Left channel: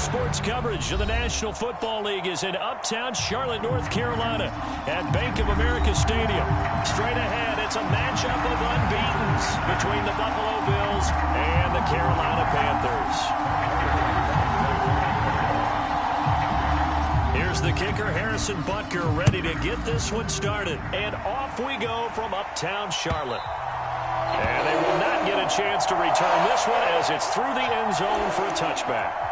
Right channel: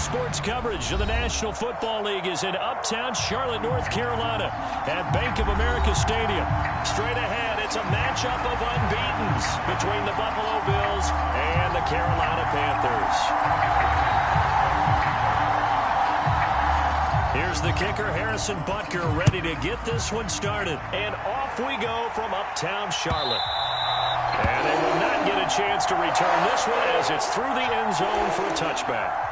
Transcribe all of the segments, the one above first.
Sports coverage of the National Football League is in uptown Charlotte, North Carolina at Bank of America Stadium. Straight ahead, it's a matchup of unbeatens between the Buffalo Bills and the Carolina Panthers. Here's the kicker, Harrison Butker, ready to get this one started. And off we go from uptown Charlotte. And they will not get a chance to return this one as it's through the end zone for a touchback.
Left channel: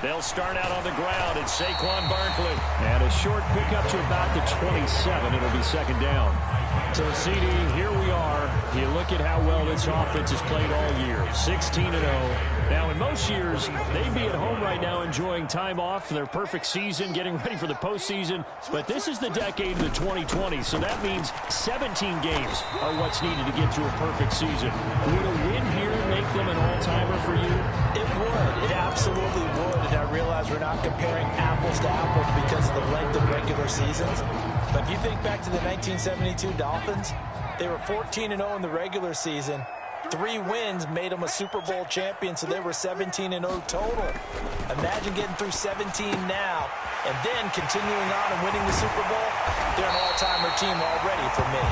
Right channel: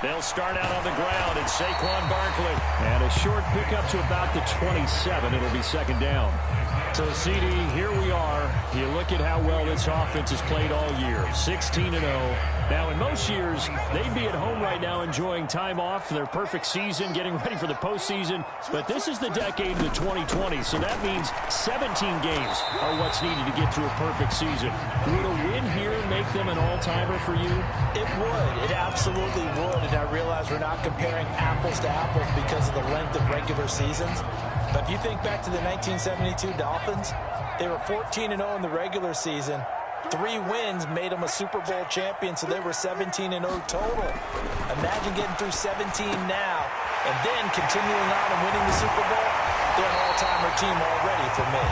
They'll start out on the ground. It's Saquon Barkley. And a short pickup to about the 27. It'll be second down. So, CD, here we are. You look at how well this offense has played all year. 16-0. Now, in most years, they'd be at home right now enjoying time off for their perfect season, getting ready for the postseason. But this is the decade of the 2020s, so that means 17 games are what's needed to get to a perfect season. Would a win here make them an all-timer for you? It would. It absolutely would. And I realize we're not comparing apples to apples because of the length of regular seasons. But if you think back to the 1972 Dolphins, they were 14-0 in the regular season. 3 wins made them a Super Bowl champion, so they were 17-0 total. Imagine getting through 17 now and then continuing on and winning the Super Bowl. They're an all-timer team already for me.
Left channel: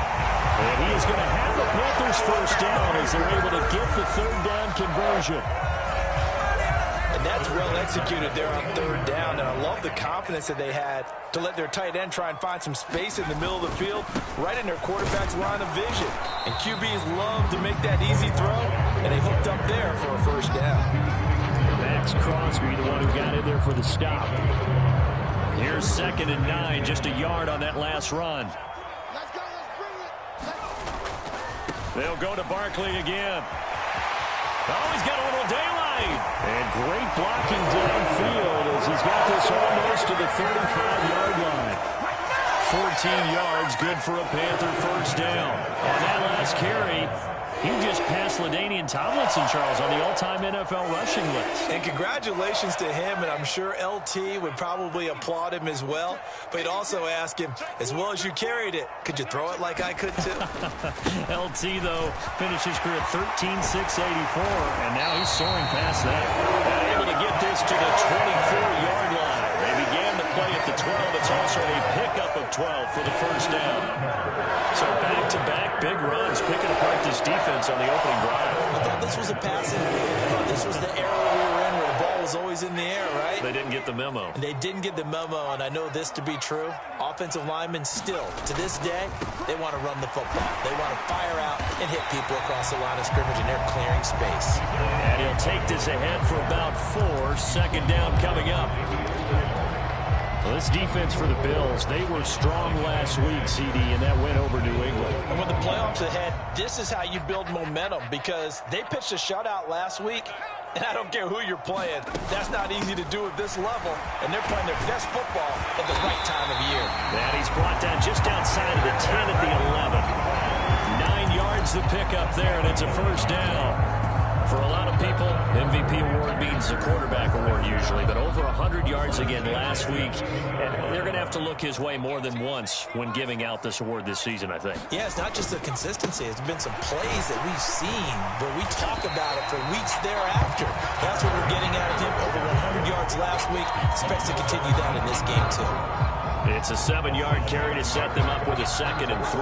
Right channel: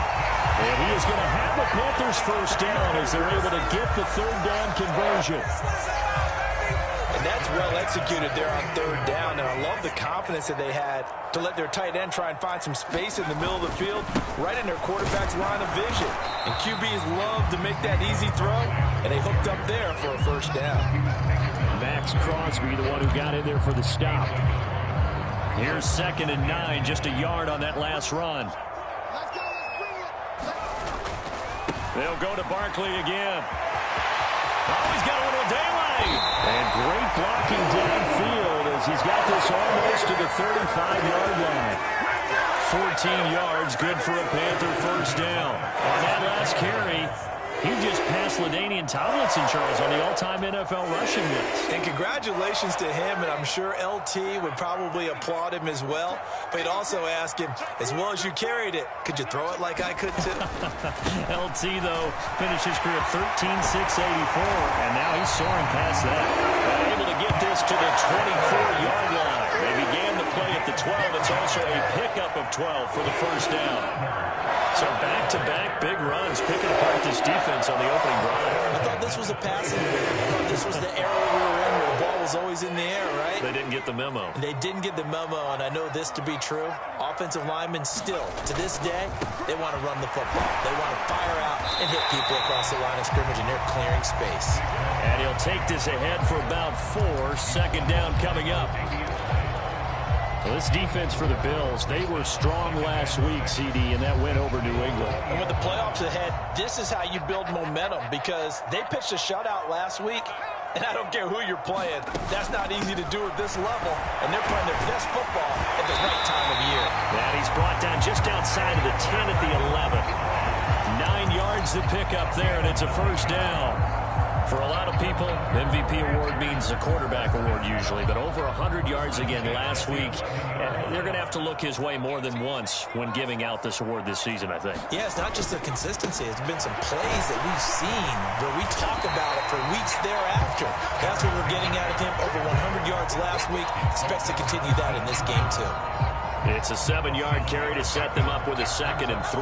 And he is going to have the Panthers first down as they're able to get the third down conversion. And that's well executed there on third down. And I love the confidence that they had to let their tight end try and find some space in the middle of the field, right in their quarterback's line of vision. And QBs love to make that easy throw, and they hooked up there for a first down. Max Crosby, the one who got in there for the stop. Here's 2nd and 9, just a yard on that last run. Let's go, let's bring it. They'll go to Barkley again. Oh, he's got a little daylight. And great blocking downfield as he's got this almost to the 35-yard line. 14 yards, good for a Panther first down. On that last carry, he just passed LaDainian Tomlinson, Charles, on the all-time NFL rushing list. And congratulations to him, and I'm sure LT would probably applaud him as well. But he'd also ask him, as well as you carried it, could you throw it like I could too? LT, though, finished his career 13-6-84, and now he's soaring past that. And able to get this to the 24-yard line. They began the play at the 12. It's also a pickup of 12 for the first down. So back-to-back big runs, picking apart this defense on the opening drive. I thought this was a passing league. I thought this was the era we were in where the ball was always in the air, right? They didn't get the memo. They didn't get the memo, and I know this to be true. Offensive linemen still, to this day, they want to run the football. They want to fire out and hit people across the line of scrimmage, and they're clearing space. And he'll take this ahead for about 4. Second down coming up. Well, this defense for the Bills, they were strong last week, CD, and that went over New England. And with the playoffs ahead, this is how you build momentum because they pitched a shutout last week, and I don't care who you're playing. That's not easy to do at this level, and they're playing their best football at the right time of year. And he's brought down just outside of the 10 at the 11. 9 yards to pick up there, and it's a first down. For a lot of people, MVP award means a quarterback award usually, but over 100 yards again last week. They're going to have to look his way more than once when giving out this award this season, I think. Yeah, it's not just the consistency. It's been some plays that we've seen where we talk about it for weeks thereafter. That's what we're getting out of him. Over 100 yards last week. Expects to continue that in this game, too. It's a 7-yard carry to set them up with a 2nd and 3.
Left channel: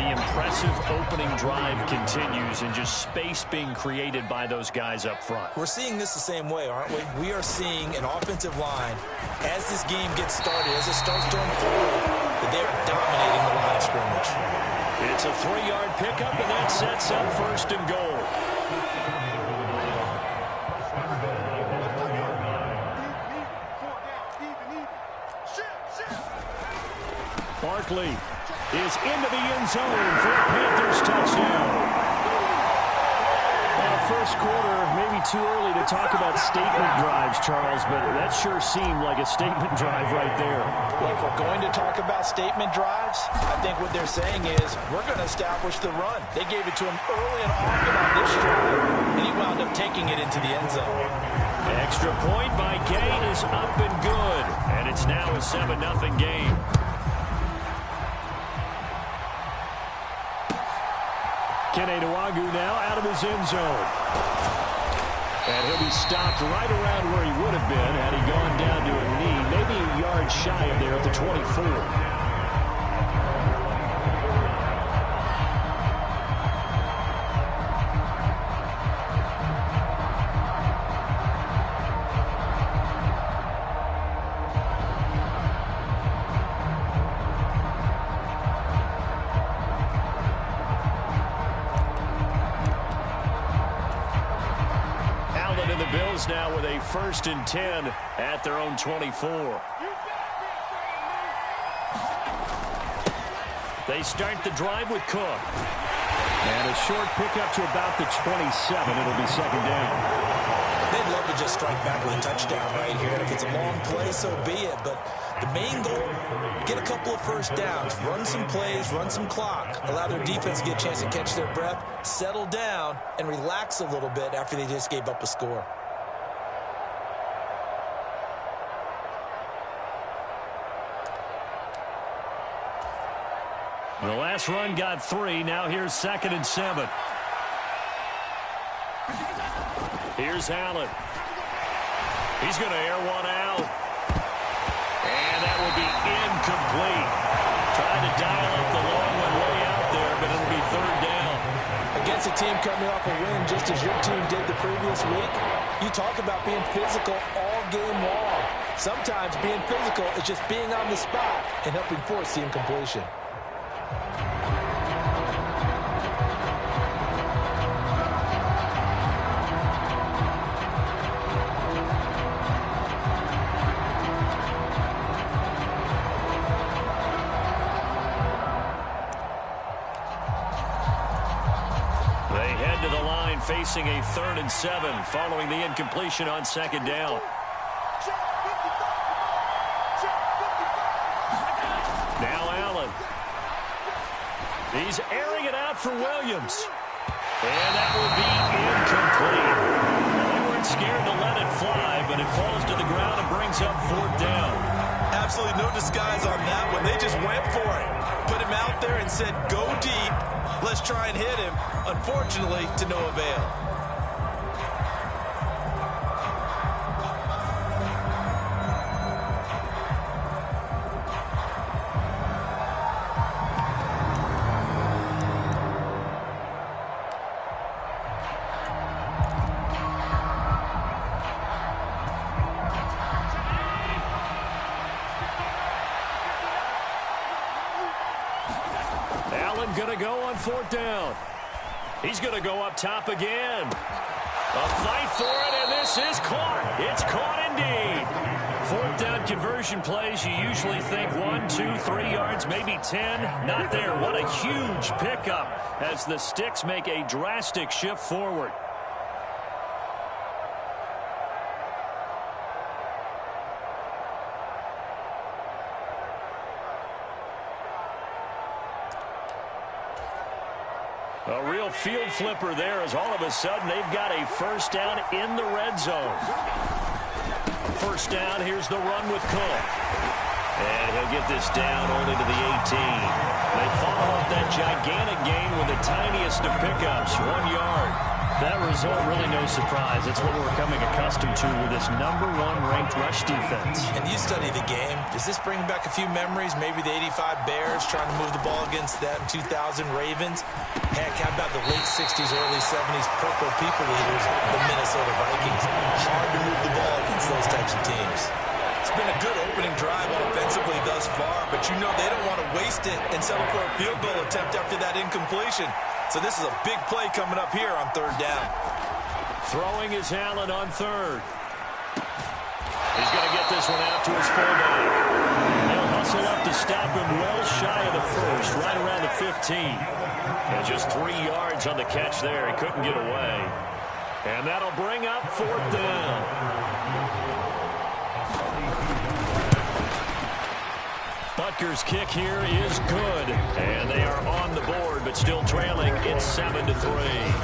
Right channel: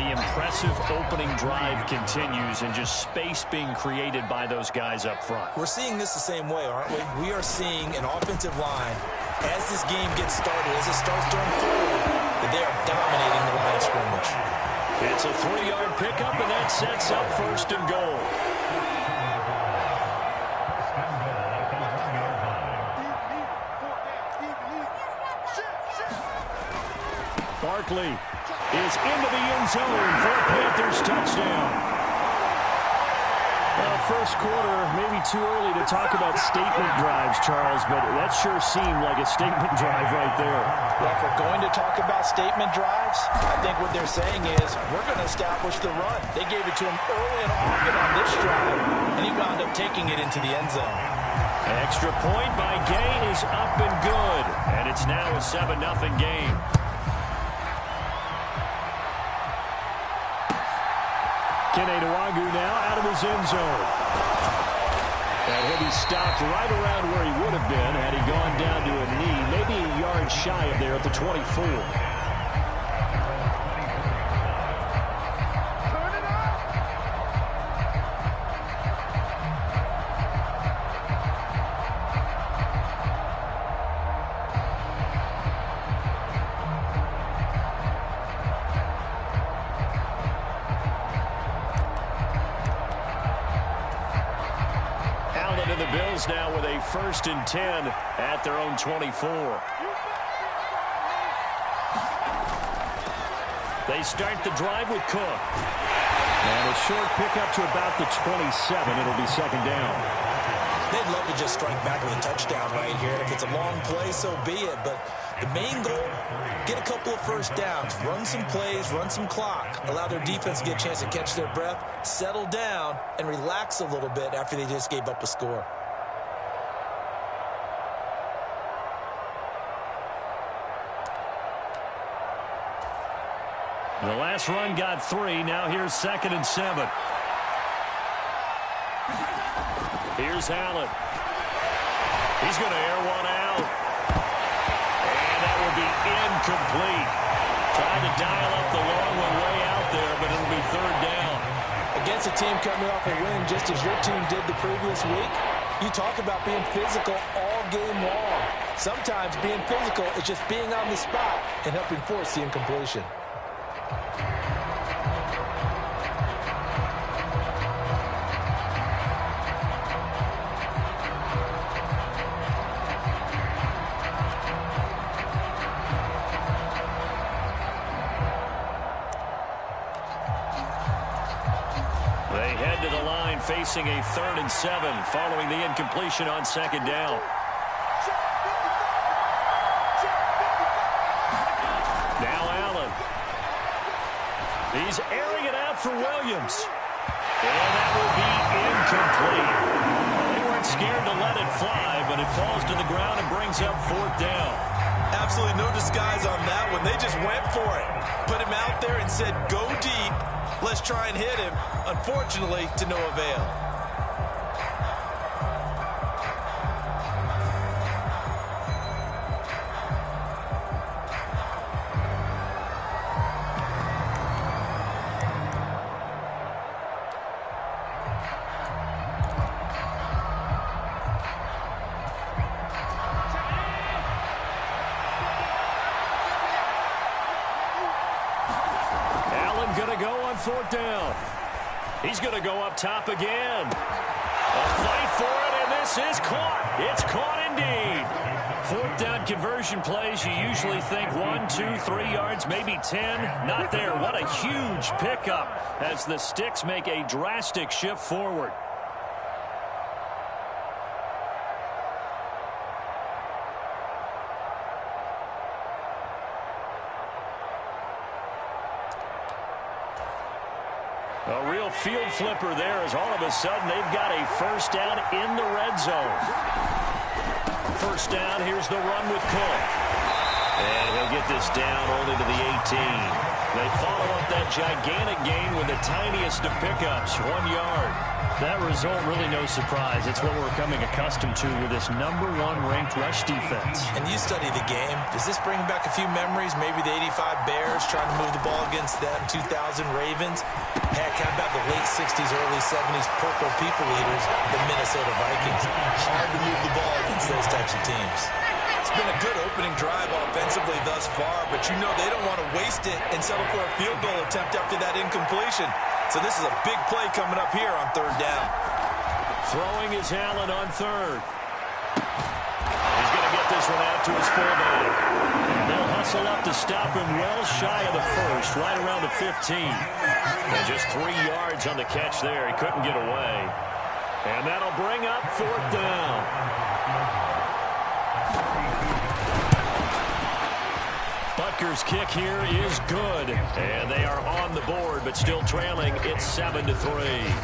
The impressive opening drive continues and just space being created by those guys up front. We're seeing this the same way, aren't we? We are seeing an offensive line, as this game gets started, as it starts to unfold, that they are dominating the line of scrimmage. It's a 3-yard pickup, and that sets up 1st and goal. Barkley is into the end zone for a Panthers touchdown. First quarter, maybe too early to talk about statement drives, Charles, but that sure seemed like a statement drive right there. Well, if we're going to talk about statement drives, I think what they're saying is we're going to establish the run. They gave it to him early and often on this drive, and he wound up taking it into the end zone. Extra point by Gay is up and good, and it's now a 7-0 game. Kene Nwagu now out of his end zone. And he'll be stopped right around where he would have been had he gone down to a knee, maybe a yard shy of there at the 24. And the Bills now with a 1st and 10 at their own 24. They start the drive with Cook. And a short pickup to about the 27. It'll be 2nd down. They'd love to just strike back with a touchdown right here. And if it's a long play, so be it. But the main goal, get a couple of first downs, run some plays, run some clock, allow their defense to get a chance to catch their breath, settle down, and relax a little bit after they just gave up a score. The last run got 3. Now here's 2nd and 7. Here's Allen. He's going to air one out. And that will be incomplete. Tried to dial up the long one way out there, but it'll be 3rd down. Against a team coming off a win just as your team did the previous week, you talk about being physical all game long. Sometimes being physical is just being on the spot and helping force the incompletion. They head to the line facing a 3rd and 7 following the incompletion on 2nd down. Now Allen. He's airing it out for Williams. And that will be incomplete. Well, they weren't scared to let it fly, but it falls to the ground and brings up 4th down. Absolutely no disguise on that one. They just went for it. Put him out there and said, go deep. Let's try and hit him. Unfortunately, to no avail. Allen going to go on 4th down. He's going to go up top again. A fight for it, and this is caught. It's caught indeed. 4th down conversion plays, you usually think 1, 2, 3 yards, maybe 10. Not there. What a huge pickup as the Sticks make a drastic shift forward. A real field flipper there as all of a sudden they've got a 1st down in the red zone. 1st down, here's the run with Cook. And he'll get this down only to the 18. They follow up that gigantic gain with the tiniest of pickups, 1 yard. That result really no surprise. It's what we're becoming accustomed to with this #1 ranked rush defense. And you study the game. Does this bring back a few memories? Maybe the 85 Bears trying to move the ball against that in 2000 Ravens. Heck, how about the late 60s, early 70s Purple People Eaters, the Minnesota Vikings? Hard to move the ball against those types of teams. It's been a good opening drive offensively thus far, but you know they don't want to waste it and settle for a field goal attempt after that incompletion. So this is a big play coming up here on 3rd down. Throwing is Allen on 3rd. He's going to get this one out to his fullback. And they'll hustle up to stop him well shy of the 1st, right around the 15. And just 3 yards on the catch there. He couldn't get away. And that'll bring up 4th down. Butker's kick here is good. And they are on the board, but still trailing. It's 7-3.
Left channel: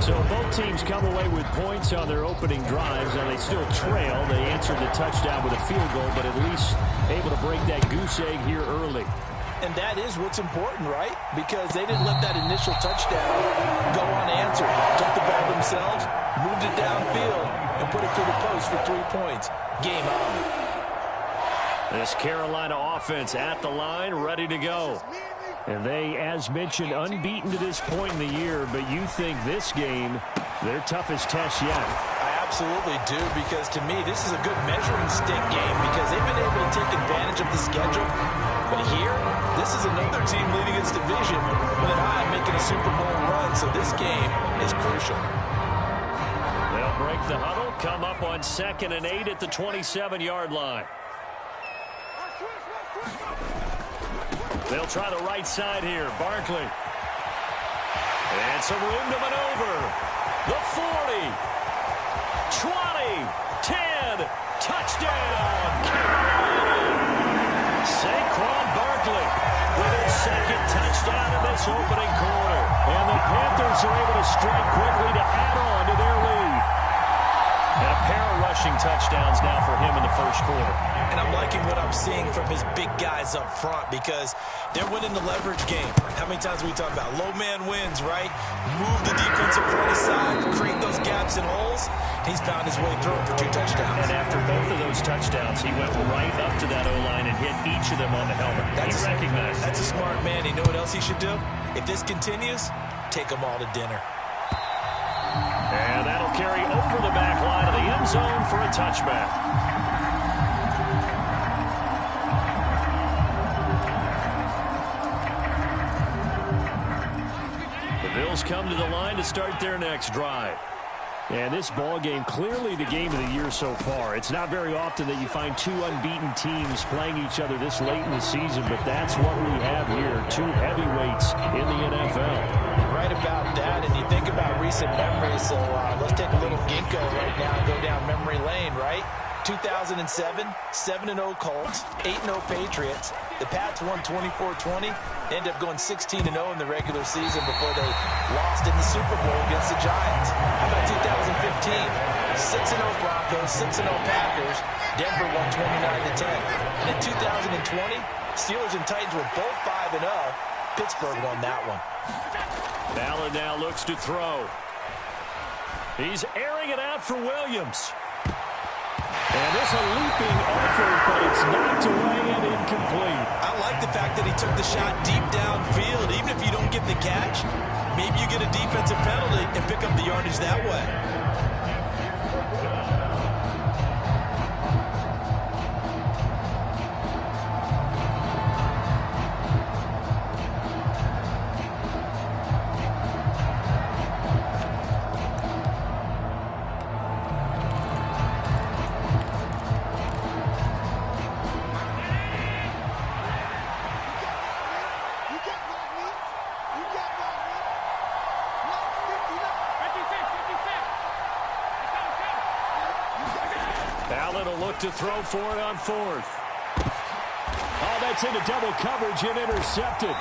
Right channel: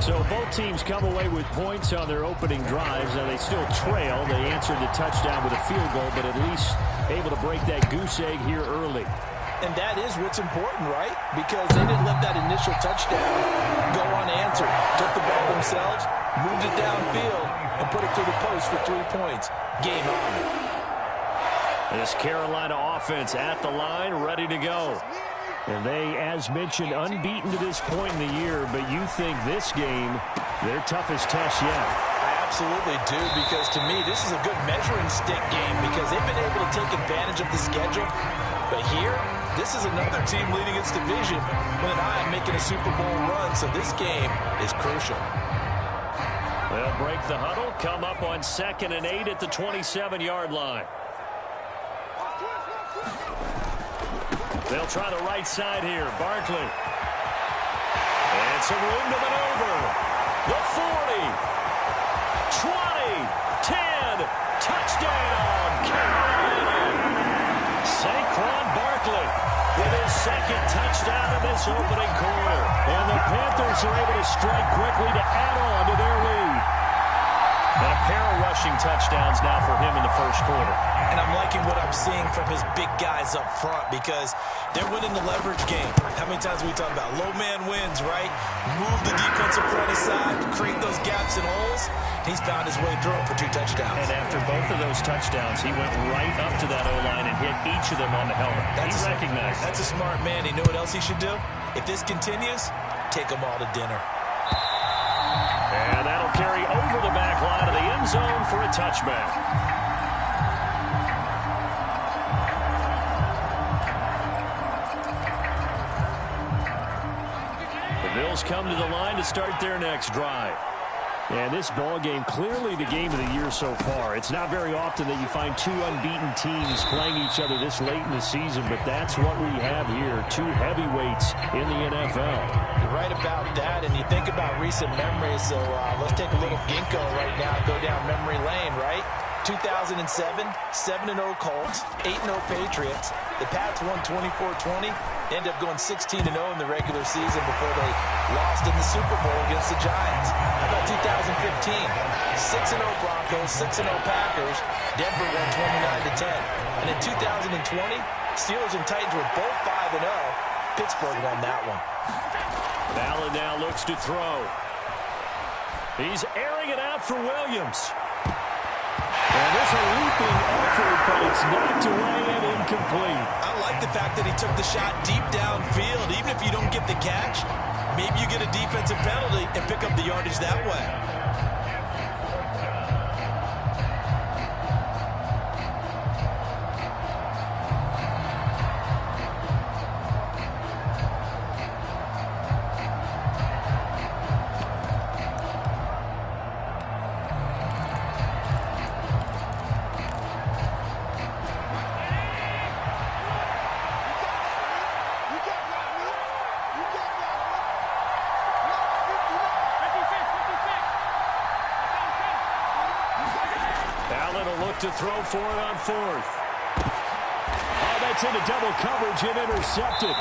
So both teams come away with points on their opening drives. Now they still trail. They answered the touchdown with a field goal, but at least able to break that goose egg here early. And that is what's important, right? Because they didn't let that initial touchdown go unanswered. Took the ball themselves, moved it downfield, and put it through the post for 3 points. Game on. This Carolina offense at the line, ready to go. And they, as mentioned, unbeaten to this point in the year, but you think this game, their toughest test yet. I absolutely do, because to me, this is a good measuring stick game because they've been able to take advantage of the schedule. But here, this is another team leading its division with an eye on making a Super Bowl run, so this game is crucial. They'll break the huddle, come up on 2nd and 8 at the 27-yard line. They'll try the right side here. Barkley. And some room to maneuver. The 40. 20. 10. Touchdown, Carolina. Saquon Barkley with his 2nd touchdown in this opening quarter. And the Panthers are able to strike quickly to add on to their lead. And a pair of rushing touchdowns now for him in the first quarter. And I'm liking what I'm seeing from his big guys up front because they're winning the leverage game. How many times we talk about low man wins, right? Move the defensive front aside, create those gaps and holes. He's found his way through them for 2 touchdowns. And after both of those touchdowns, he went right up to that O-line and hit each of them on the helmet. He recognized. That's a smart man. You know what else he should do? If this continues, take them all to dinner. And that'll carry over the back line of the end zone for a touchback. The Bills come to the line to start their next drive. And this ball game, clearly the game of the year so far. It's not very often that you find 2 unbeaten teams playing each other this late in the season, but that's what we have here. 2 heavyweights in the NFL. You're right about that, and you think about recent memories, so let's take a little ginkgo right now and go down memory lane, right? 2007, 7-0 Colts, 8-0 Patriots. The Pats won 24-20. They ended up going 16-0 in the regular season before they lost in the Super Bowl against the Giants. How about 2015? 6-0 Broncos, 6-0 Packers. Denver won 29-10. And in 2020, Steelers and Titans were both 5-0. Pittsburgh won that one. Allen now looks to throw. He's airing it out for Williams. And there's a leaping effort, but it's knocked away and incomplete. I like the fact that he took the shot deep downfield. Even if you don't get the catch, maybe you get a defensive penalty and pick up the yardage that way. Allen will look to throw for it on 4th. Oh, that's into double coverage and intercepted.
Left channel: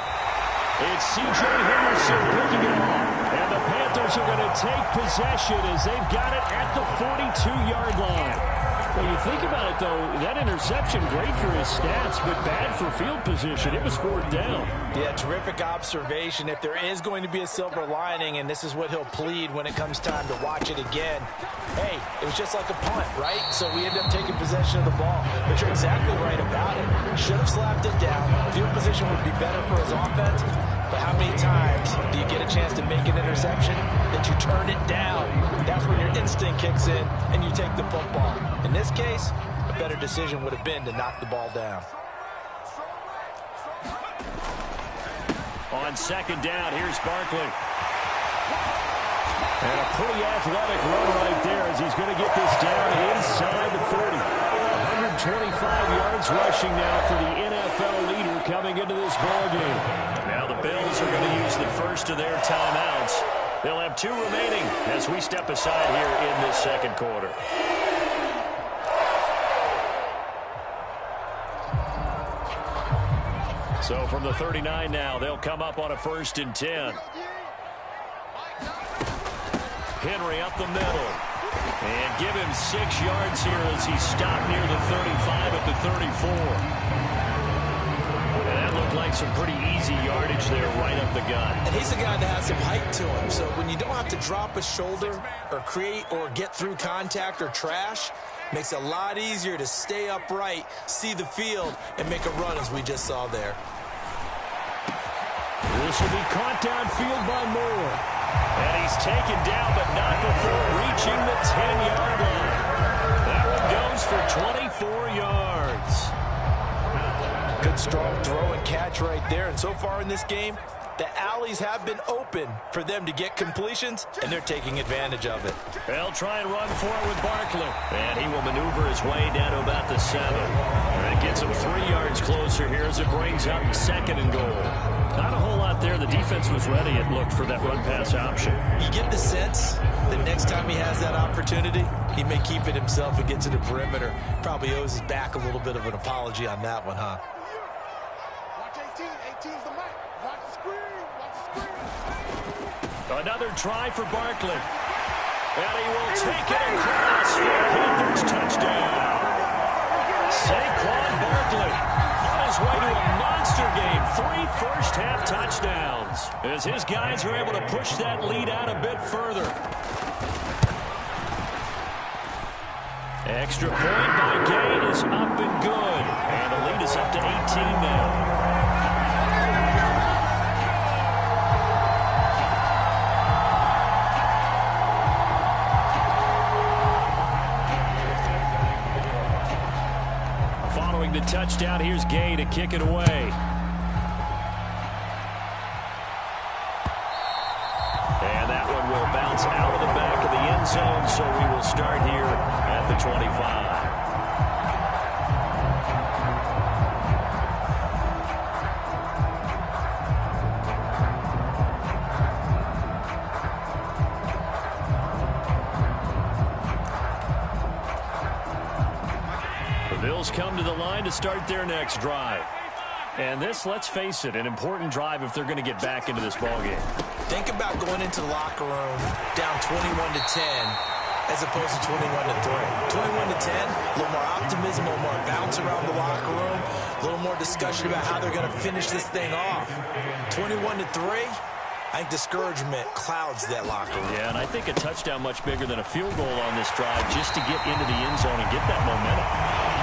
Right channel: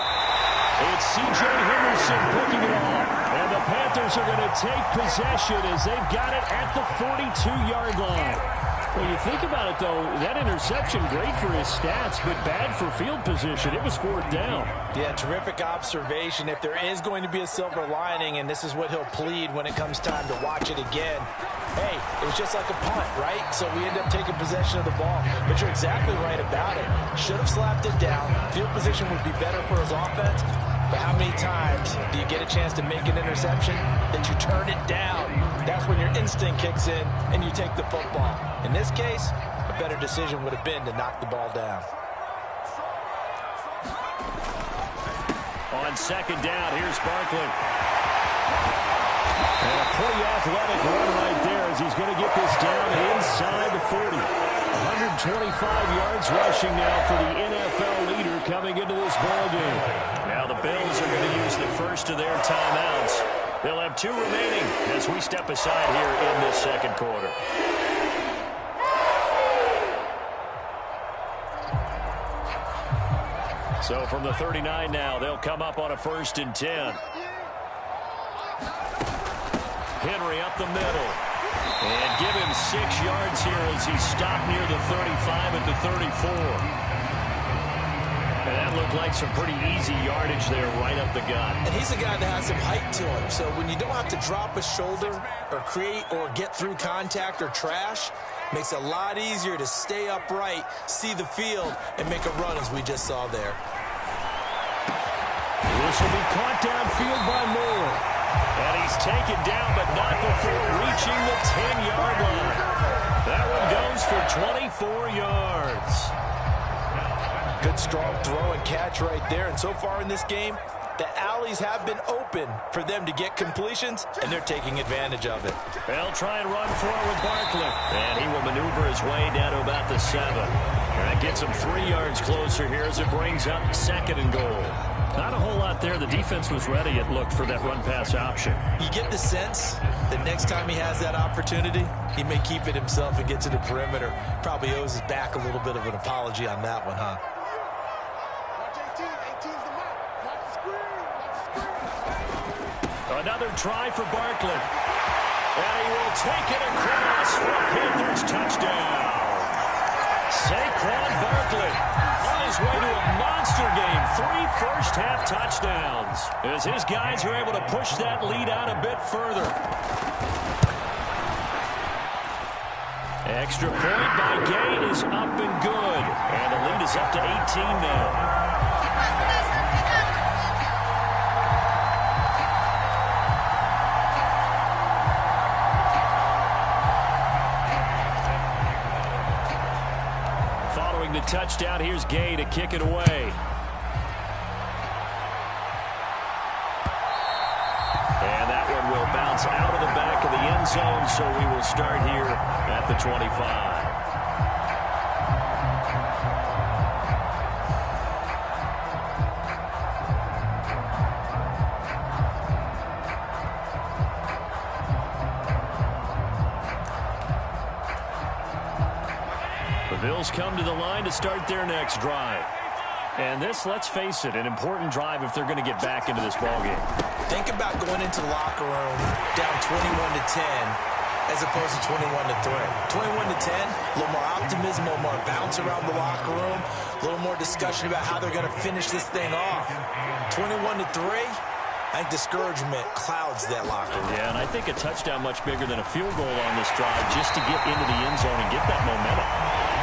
It's C.J. Henderson picking it off. And the Panthers are going to take possession as they've got it at the 42-yard line. Well, you think about it, though, that interception, great for his stats, but bad for field position. It was 4th down. Yeah, terrific observation. If there is going to be a silver lining, and this is what he'll plead when it comes time to watch it again, hey, it was just like a punt, right? So we end up taking possession of the ball. But you're exactly right about it. Should have slapped it down. Field position would be better for his offense. But how many times do you get a chance to make an interception, that you turn it down? That's when your instinct kicks in and you take the football. In this case, a better decision would have been to knock the ball down. On 2nd down, here's Barkley. And a pretty athletic run right there as he's going to get this down inside the 40. 125 yards rushing now for the NFL leader coming into this ballgame. Now the Bills are going to use the first of their timeouts. They'll have 2 remaining as we step aside here in this second quarter. So from the 39 now, they'll come up on a 1st and 10. Henry up the middle. And give him 6 yards here as he stopped near the 35 at the 34. And that looked like some pretty easy yardage there right up the gut. And he's a guy that has some height to him. So when you don't have to drop a shoulder or create or get through contact or trash, makes it a lot easier to stay upright, see the field, and make a run as we just saw there. This will be caught downfield by Moore. And he's taken down, but not before reaching the 10-yard line. That one goes for 24 yards. Good, strong throw and catch right there. And so far in this game, the alleys have been open for them to get completions, and they're taking advantage of it. They'll try and run for it with Barkley. And he will maneuver his way down to about the 7. And that gets him 3 yards closer here as it brings up 2nd and goal. Not a whole lot there. The defense was ready, it looked, for that run-pass option. You get the sense that next time he has that opportunity, he may keep it himself and get to the perimeter. Probably owes his back a little bit of an apology on that one, huh? Watch 18. 18's the mic. Watch the screen. Watch the screen. Another try for Barkley. And he will take it across for a Panthers touchdown. Saquon Barkley on his way to a monster game. 3 first-half touchdowns as his guys are able to push that lead out a bit further. Extra point by Gay is up and good. And the lead is up to 18 now. Following the touchdown, here's Gay to kick it away. And that one will bounce out of the back of the end zone, so we will start here at the 25. The Bills come to the line to start their next drive. And this, let's face it, an important drive if they're going to get back into this ballgame. Think about going into the locker room down 21-10 as opposed to 21-3. 21-10, a little more optimism, a little more bounce around the locker room, a little more discussion about how they're going to finish this thing off. 21-3, I think discouragement clouds that locker room. Yeah, and I think a touchdown much bigger than a field goal on this drive just to get into the end zone and get that momentum.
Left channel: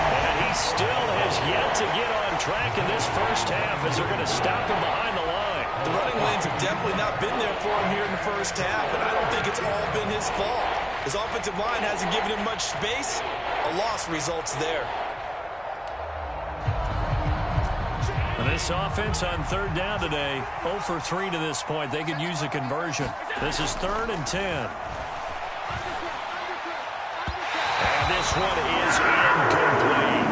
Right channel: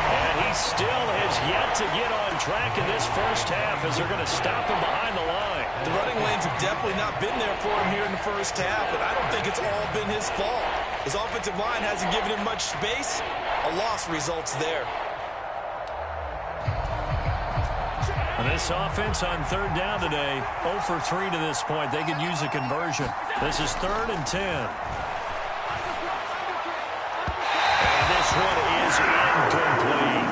And he still has yet to get on track in this first half as they're going to stop him behind the line. The running lanes have definitely not been there for him here in the first half, and I don't think it's all been his fault. His offensive line hasn't given him much space. A loss results there. And this offense on 3rd down today, 0 for 3 to this point. They could use a conversion. This is 3rd and 10. And this one is incomplete.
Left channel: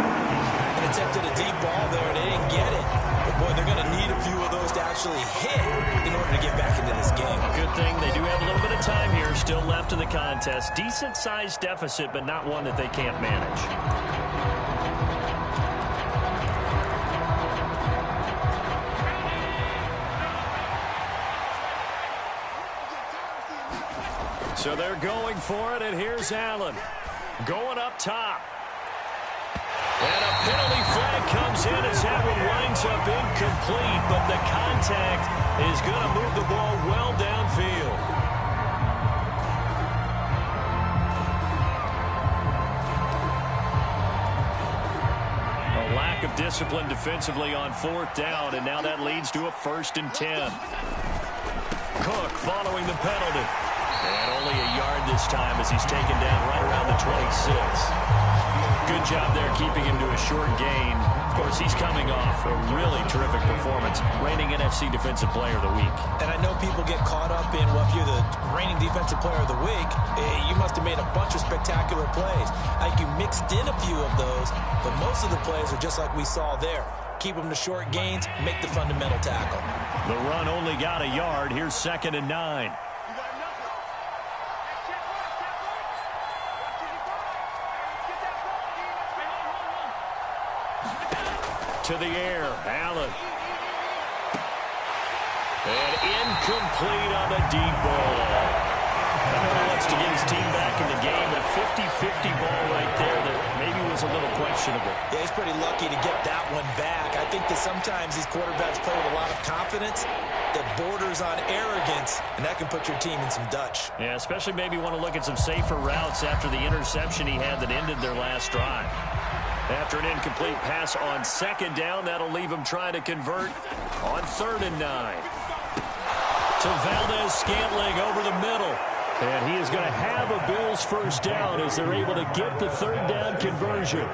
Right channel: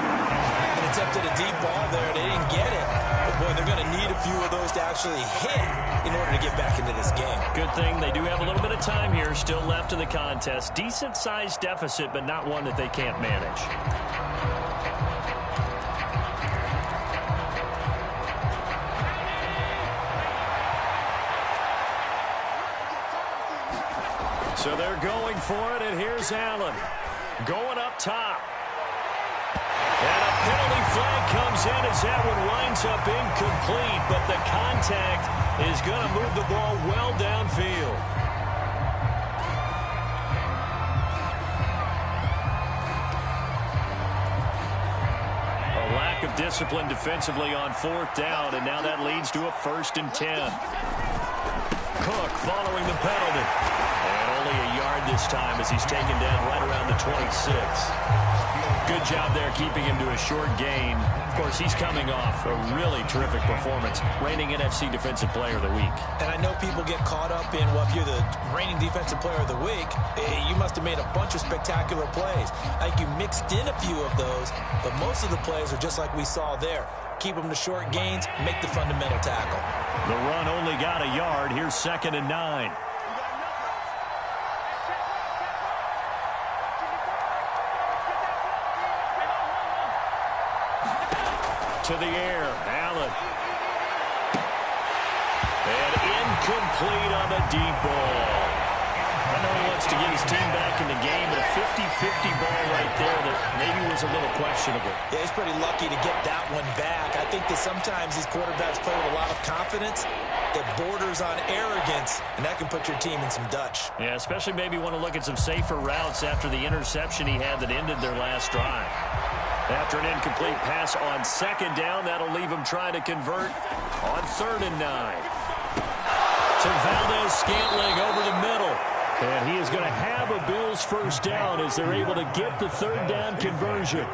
An attempt at a deep ball there, they didn't get it. But, boy, they're going to need a few of those to actually hit in order to get back into this game. Good thing they do have a little bit of time here still left in the contest. Decent-sized deficit, but not one that they can't manage. So they're going for it, and here's Allen. Going up top. And a penalty flag comes in as that one winds up incomplete, but the contact is going to move the ball well downfield. A lack of discipline defensively on 4th down, and now that leads to a 1st and 10. Cook following the penalty. And only a yard this time as he's taken down right around the 26. Good job there keeping him to a short gain. Of course, he's coming off a really terrific performance, reigning NFC Defensive Player of the Week. And I know people get caught up in, well, if you're the reigning Defensive Player of the Week, you must have made a bunch of spectacular plays. I think you mixed in a few of those, but most of the plays are just like we saw there. Keep them to short gains, make the fundamental tackle. The run only got a yard. Here's 2nd and 9. To the air, Allen. And incomplete on the deep ball. I know he wants to get his team back in the game, but a 50-50 ball right there that maybe was a little questionable. Yeah, he's pretty lucky to get that one back. I think that sometimes these quarterbacks play with a lot of confidence that borders on arrogance, and that can put your team in some Dutch. Yeah, especially maybe want to look at some safer routes after the interception he had that ended their last drive. After an incomplete pass on 2nd down, that'll leave him trying to convert on 3rd and 9. To Valdez-Scantling over the middle. And he is going to have a Bills first down as they're able to get the 3rd down conversion.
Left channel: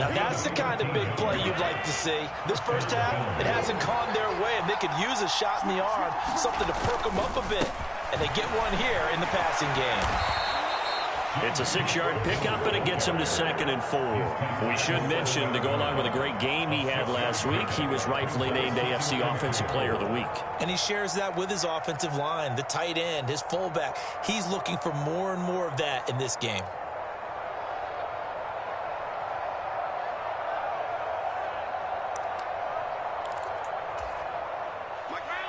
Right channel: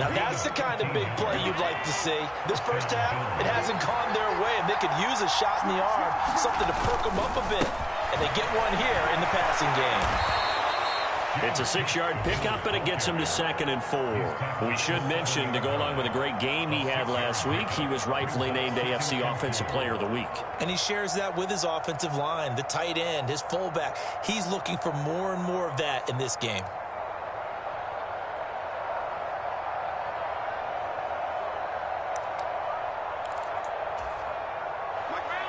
Now, that's the kind of big play you'd like to see. This first half, it hasn't gone their way, and they could use a shot in the arm, something to perk them up a bit. And they get one here in the passing game. It's a 6-yard pickup, and it gets him to 2nd and 4. We should mention, to go along with a great game he had last week, he was rightfully named AFC Offensive Player of the Week. And he shares that with his offensive line, the tight end, his fullback. He's looking for more and more of that in this game.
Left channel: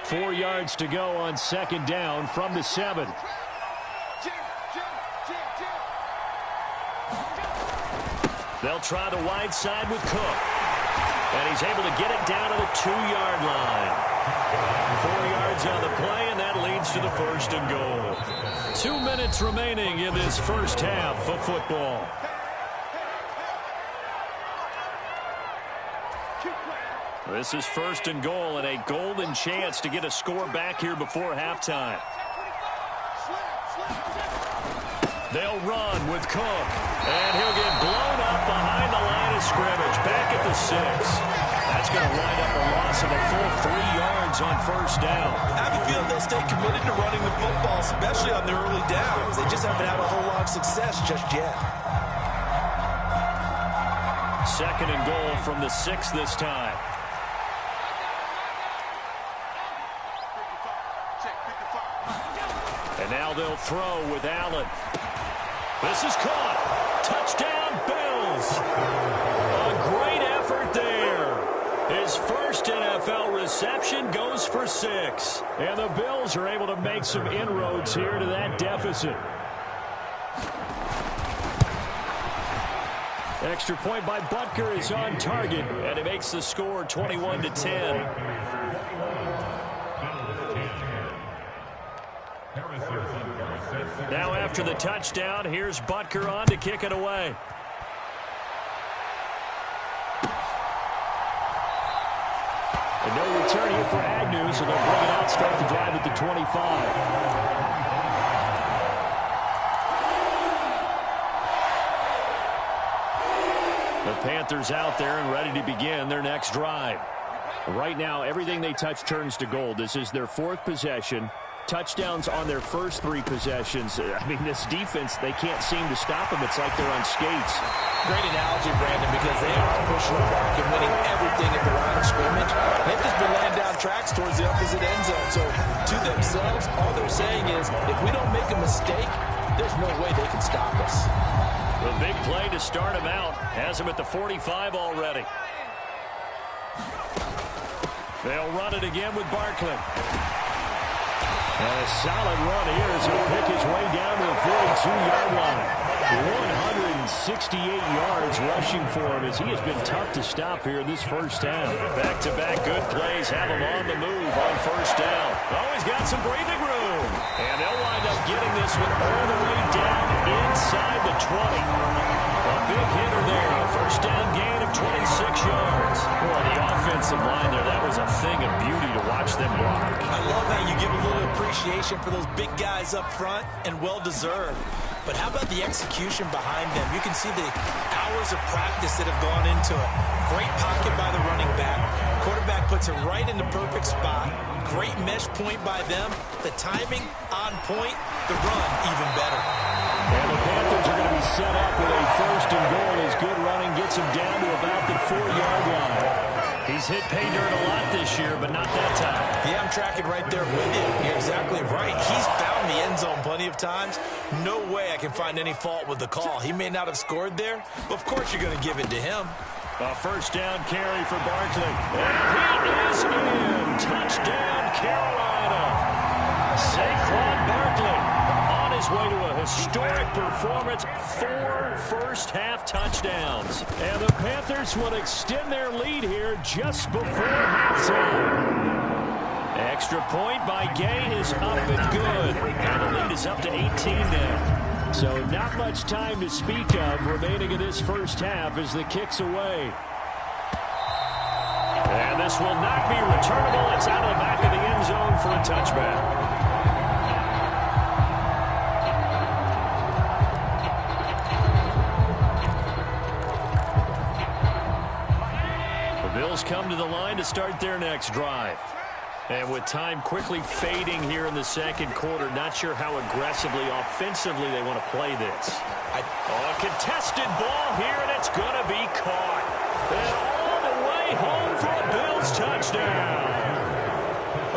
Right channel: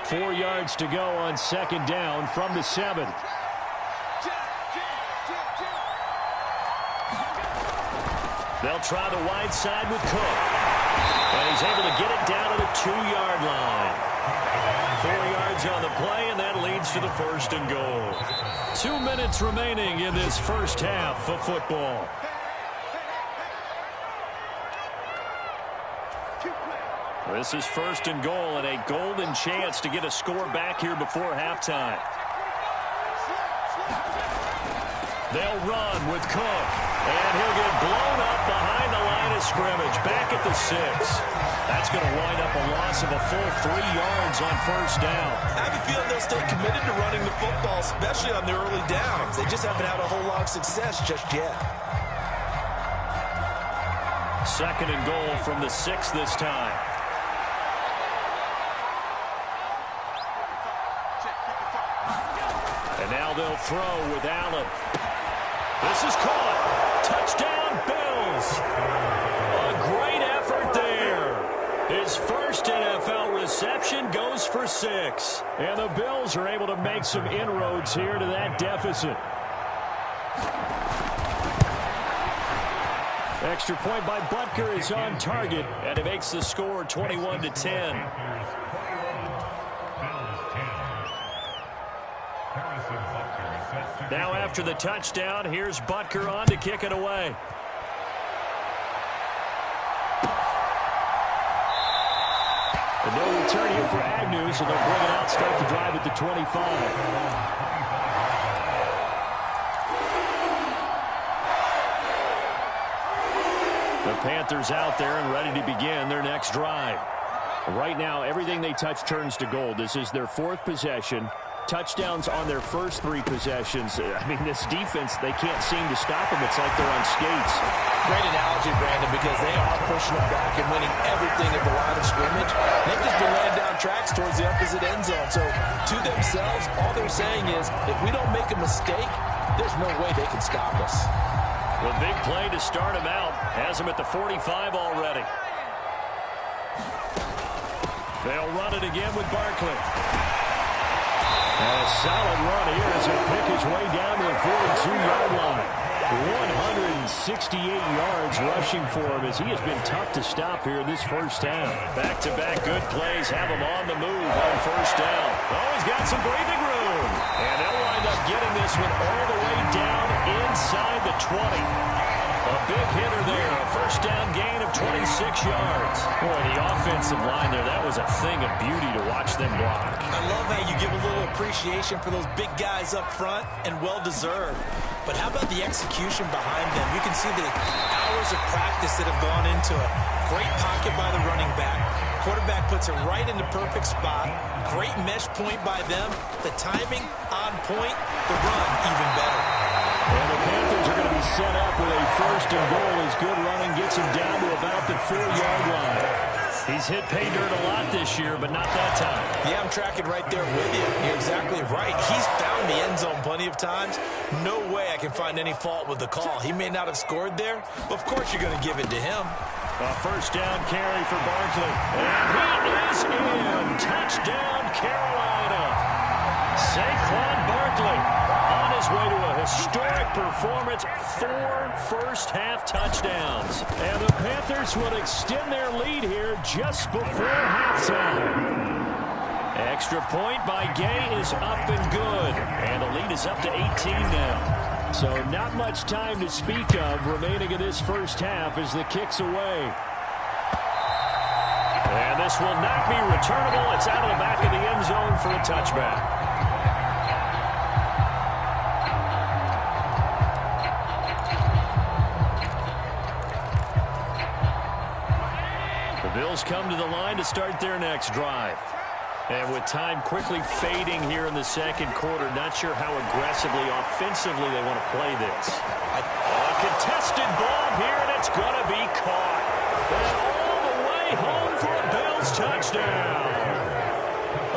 Four yards to go on 2nd down from the 7. They'll try the wide side with Cook. And he's able to get it down to the 2-yard line. 4 yards on the play, and that leads to the 1st and goal. 2 minutes remaining in this first half of football. This is 1st and goal, and a golden chance to get a score back here before halftime. They'll run with Cook, and he'll get blown up behind the line of scrimmage, back at the 6. That's going to wind up a loss of a full 3 yards on 1st down. I have a feeling they'll stay committed to running the football, especially on the early downs. They just haven't had a whole lot of success just yet. 2nd and goal from the 6 this time. And now they'll throw with Allen. This is caught. Touchdown, Bills. A great effort there. His first NFL reception goes for 6. And the Bills are able to make some inroads here to that deficit. Extra point by Butker is on target, and it makes the score 21-10. Now after the touchdown, here's Butker on to kick it away. And no return here for Agnew, so they'll bring it out, start the drive at the 25. The Panthers out there and ready to begin their next drive. Right now, everything they touch turns to gold. This is their 4th possession. Touchdowns on their first 3 possessions. I mean, this defense, they can't seem to stop them. It's like they're on skates. Great analogy, Brandon, because they are pushing them back and winning everything at the line of scrimmage. They've just been laying down tracks towards the opposite end zone. So, to themselves, all they're saying is, if we don't make a mistake, there's no way they can stop us. The big play to start him out has him at the 45 already. They'll run it again with Barkley. And a solid run here as he'll pick his way down to the 42-yard line. 168 yards rushing for him as he has been tough to stop here this first half. Back-to-back good plays have him on the move on 1st down. Oh, he's got some breathing room. And they'll wind up getting this one all the way down inside the 20. A big hitter there. A first down gain of 26 yards. Boy, the offensive line there, that was a thing of beauty to watch them block. I love how you give a little appreciation for those big guys up front, and well-deserved. But how about the execution behind them? You can see the hours of practice that have gone into it. Great pocket by the running back. Quarterback puts it right in the perfect spot. Great mesh point by them. The timing on point. The run even better. And the Panthers are going to be set up with a first and goal as good running gets him down to about the 4-yard line. He's hit pay dirt a lot this year, but not that time. Yeah, I'm tracking right there with you. You're exactly right. He's found the end zone plenty of times. No way I can find any fault with the call. He may not have scored there, but of course you're going to give it to him. A first down carry for Barkley. And he is in. Touchdown, Carolina. Saquon Barkley on his way to a historic performance. 4 first-half touchdowns. And the Panthers will extend their lead here just before halftime. Extra point by Gay is up and good. And the lead is up to 18 now. So not much time to speak of remaining in this first half as the kick's away. And this will not be returnable. It's out of the back of the end zone for a touchback. The Bills come to the line to start their next drive. And with time quickly fading here in the second quarter, not sure how aggressively, offensively they want to play this. A contested ball here, and it's going to be caught. And all the way home for a Bills touchdown.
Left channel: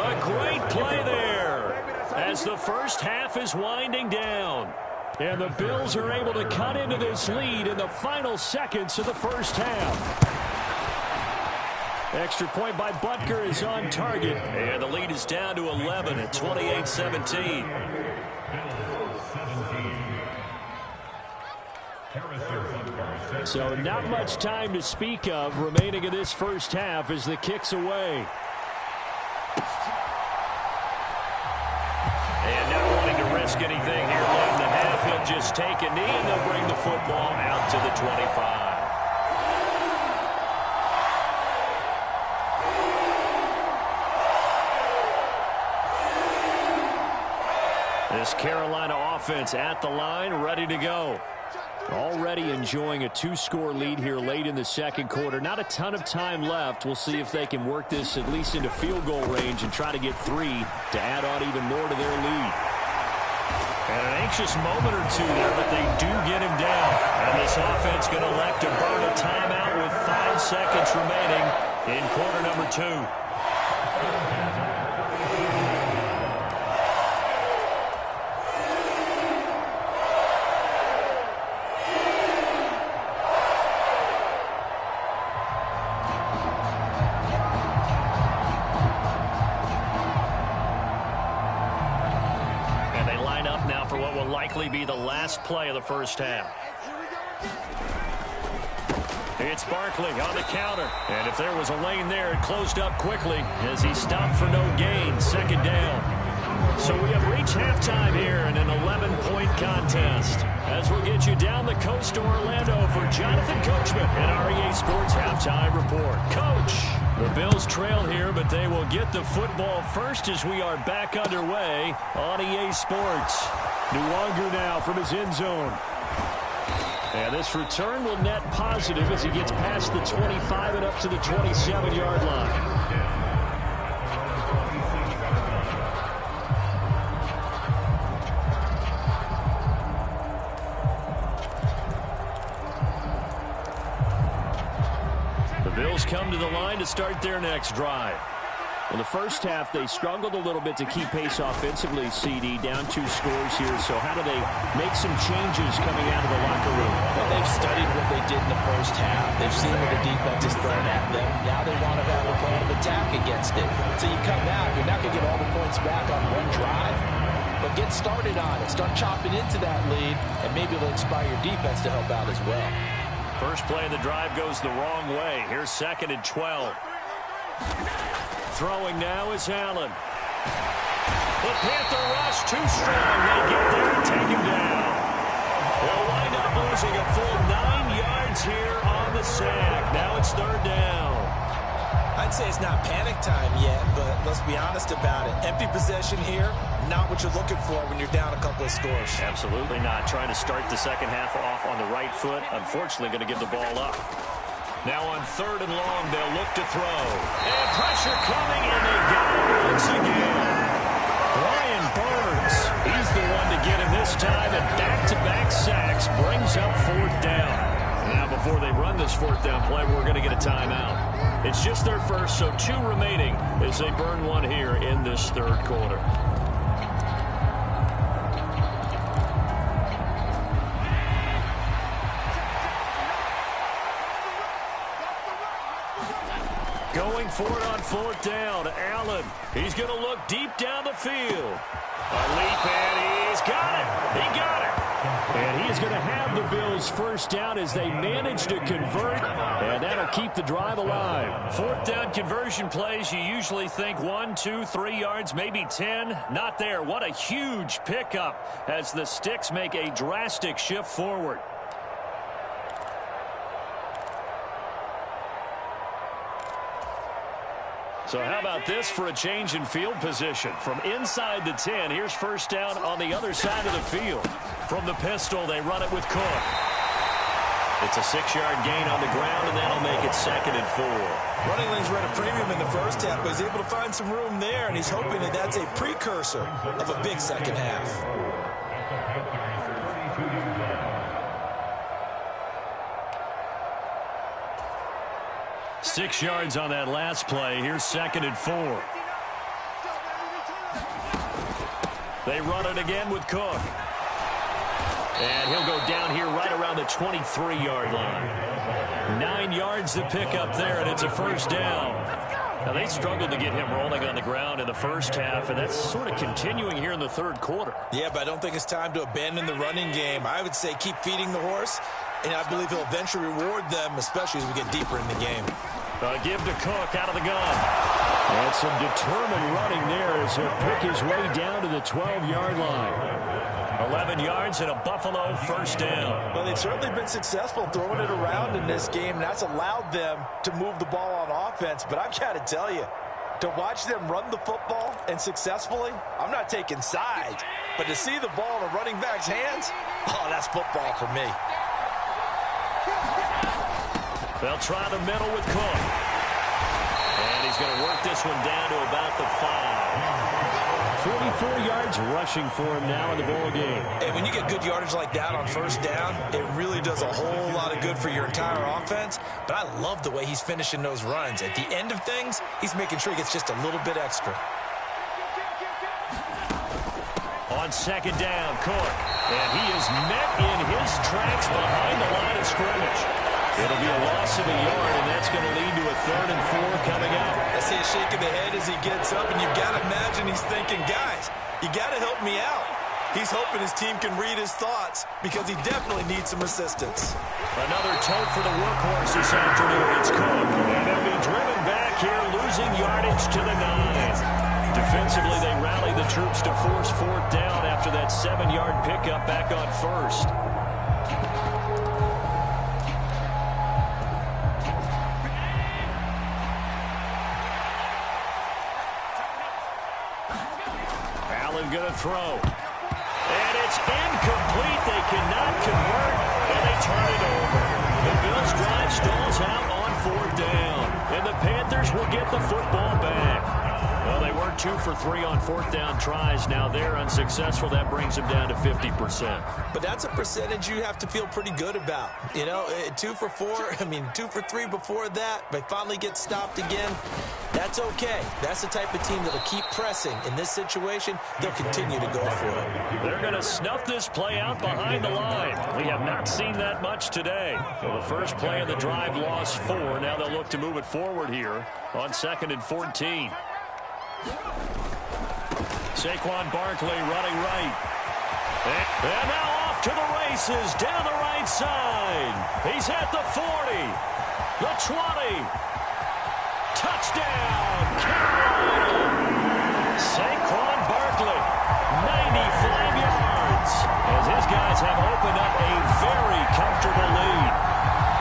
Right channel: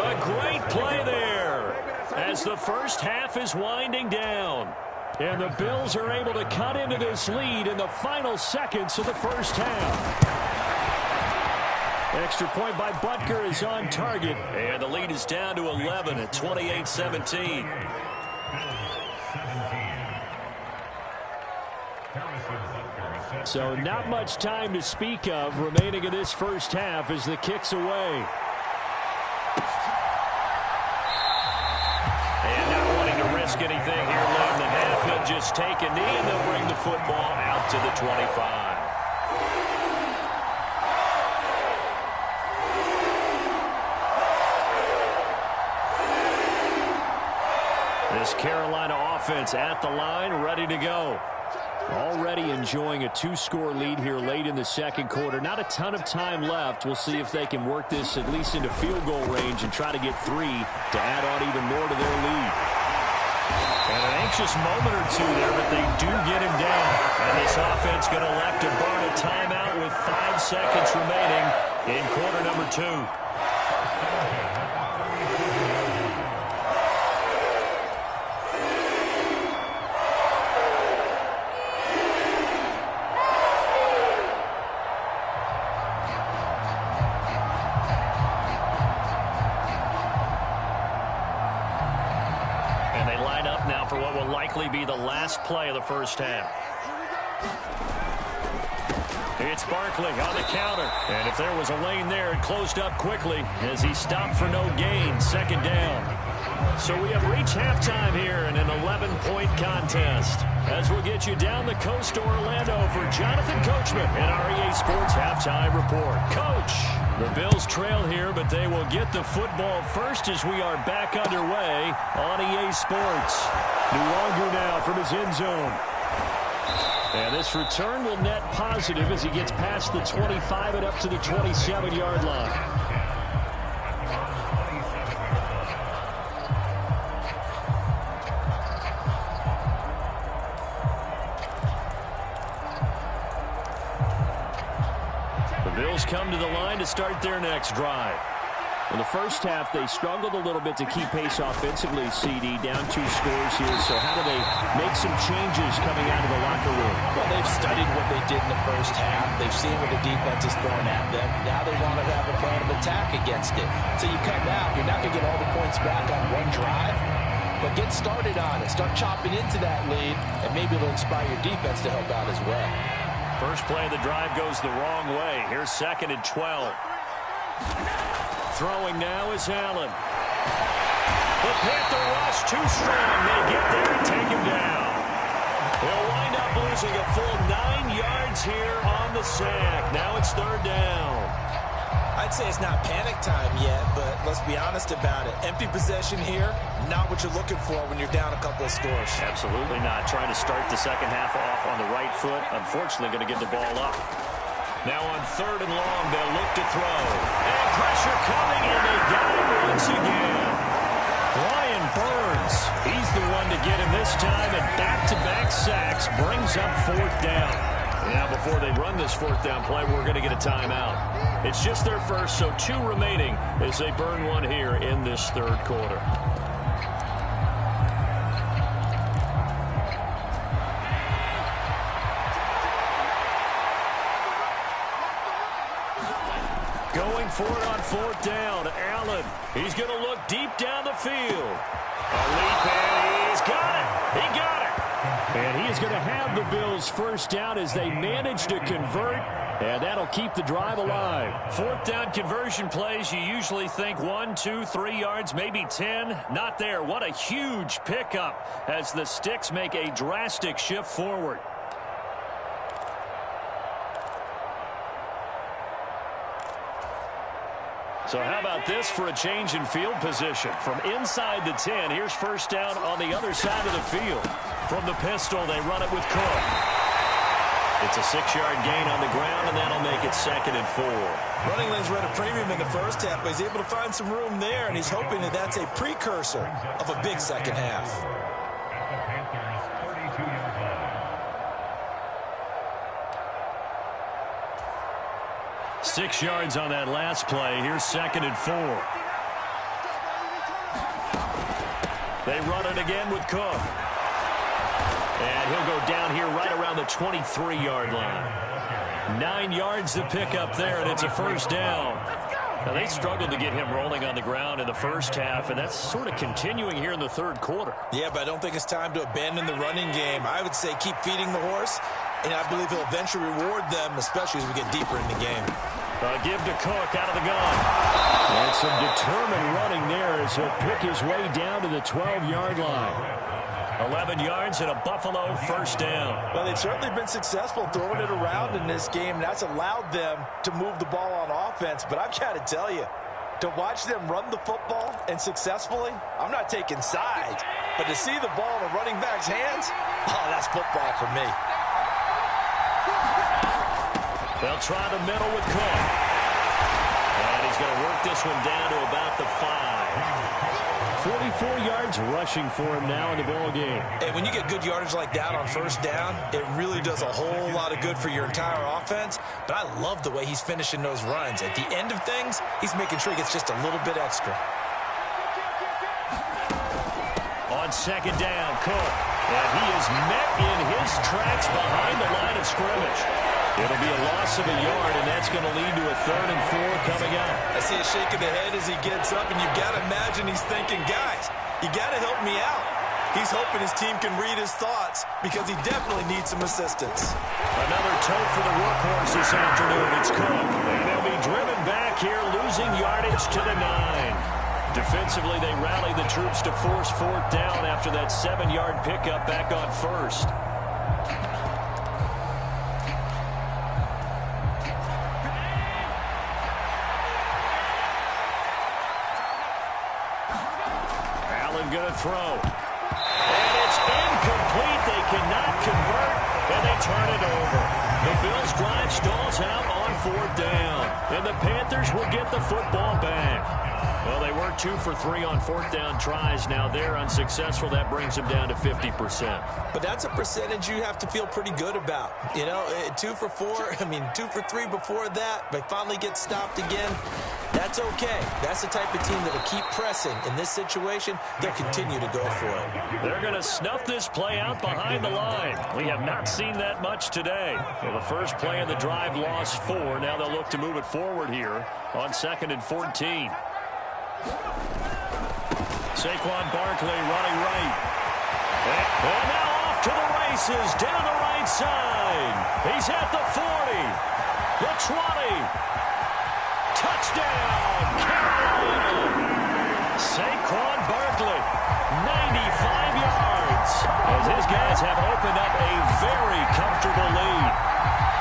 A great play there as the first half is winding down. And the Bills are able to cut into this lead in the final seconds of the first half. Extra point by Butker is on target. And the lead is down to 11 at 28-17. So not much time to speak of remaining in this first half as the kick's away. And not wanting to risk anything here late in the half, he'll just take a knee and they'll bring the football out to the 25. This Carolina offense at the line, ready to go. Already enjoying a 2-score lead here late in the second quarter. Not a ton of time left. We'll see if they can work this at least into field goal range and try to get 3 to add on even more to their lead. And an anxious moment or two there, but they do get him down. And this offense going to elect to burn a timeout with 5 seconds remaining in quarter number 2. For what will likely be the last play of the first half. It's Barkley on the counter. And if there was a lane there, it closed up quickly as he stopped for no gain. Second down. So we have reached halftime here in an 11-point contest. As we'll get you down the coast to Orlando for Jonathan Coachman and our EA Sports Halftime Report. Coach, the Bills trail here, but they will get the football first as we are back underway on EA Sports. Nwangu now from his end zone. And this return will net positive as he gets past the 25 and up to the 27-yard line. The Bills come to the line to start their next drive. In the first half, they struggled a little bit to keep pace offensively, CD, down 2 scores here. So how do they make some changes coming out of the locker room? Well, they've studied what they did in the first half. They've seen what the defense is throwing at them. Now they want to have a plan of attack against it. So you come out, you're not going to get all the points back on one drive, but get started on it. Start chopping into that lead, and maybe it'll inspire your defense to help out as well. First play of the drive goes the wrong way. Here's 2nd and 12. Throwing now is Allen. The Panther rush too strong. They get there and take him down. He'll wind up losing a full 9 yards here on the sack. Now it's third down. I'd say it's not panic time yet, but let's be honest about it. Empty possession here, not what you're looking for when you're down a couple of scores. Absolutely not. Trying to start the second half off on the right foot. Unfortunately, going to give the ball up. Now on third and long, they'll look to throw. And pressure coming, and they got him once again. Brian Burns, he's the one to get him this time, and back-to-back sacks brings up fourth down. Now, before they run this fourth down play, we're going to get a timeout. It's just their first, so 2 remaining as they burn one here in this third quarter. Going for it on fourth down. Allen, he's going to look deep down the field. A leap, and he's got it. He got it. And he is going to have the Bills first down as they manage to convert, and that'll keep the drive alive. Fourth down conversion plays, you usually think 1, 2, 3 yards, maybe 10. Not there. What a huge pickup as the Sticks make a drastic shift forward. So how about this for a change in field position? From inside the 10, here's first down on the other side of the field. From the pistol, they run it with Cook. It's a 6-yard gain on the ground, and that'll make it 2nd and 4. Running lanes were at a premium in the first half, but he's able to find some room there, and he's hoping that that's a precursor of a big second half. 6 yards on that last play. Here's 2nd and 4. They run it again with Cook. And he'll go down here right around the 23-yard line. 9 yards to pick up there, and it's a first down. Now, they struggled to get him rolling on the ground in the first half, and that's sort of continuing here in the third quarter. Yeah, but I don't think it's time to abandon the running game. I would say keep feeding the horse, and I believe he'll eventually reward them, especially as we get deeper in the game. Give to Cook out of the gun. And some determined running there as he'll pick his way down to the 12-yard line. 11 yards and a Buffalo first down. Well, they've certainly been successful throwing it around in this game, and that's allowed them to move the ball on offense. But I've got to tell you, to watch them run the football and successfully, I'm not taking sides. But to see the ball in a running back's hands, oh, that's football for me. They'll try the middle with Cook. And he's going to work this one down to about the 5. 44 yards rushing for him now in the ball game. And when you get good yardage like that on first down, it really does a whole lot of good for your entire offense. But I love the way he's finishing those runs. At the end of things, he's making sure he gets just a little bit extra. On second down, Cook. And he is met in his tracks behind the line of scrimmage. It'll be a loss of a yard, and that's going to lead to a 3rd and 4 coming out. I see a shake of the head as he gets up, and you've got to imagine he's thinking, guys, you got to help me out. He's hoping his team can read his thoughts because he definitely needs some assistance. Another tote for the workhorse this afternoon. It's Cook, and they'll be driven back here, losing yardage to the 9. Defensively, they rally the troops to force fourth down after that 7-yard pickup back on first. Going to throw. And it's incomplete. They cannot convert, and they turn it over. The Bills' drive stalls out on fourth down, and the Panthers will get the football back. Well, they were 2 for 3 on fourth down tries. Now they're unsuccessful. That brings them down to 50%. But that's a percentage you have to feel pretty good about. You know, 2 for 4, 2 for 3 before that. They finally get stopped again. That's okay. That's the type of team that will keep pressing. In this situation, they'll continue to go for it. They're going to snuff this play out behind the line. We have not seen that much today. So the first play of the drive lost 4. Now they'll look to move it forward here on 2nd and 14. Saquon Barkley running right. And now off to the races down the right side. He's at the 40, the 20. Touchdown, Carolina. Saquon Barkley, 95 yards. As his guys Buckeyes have opened up a very comfortable lead.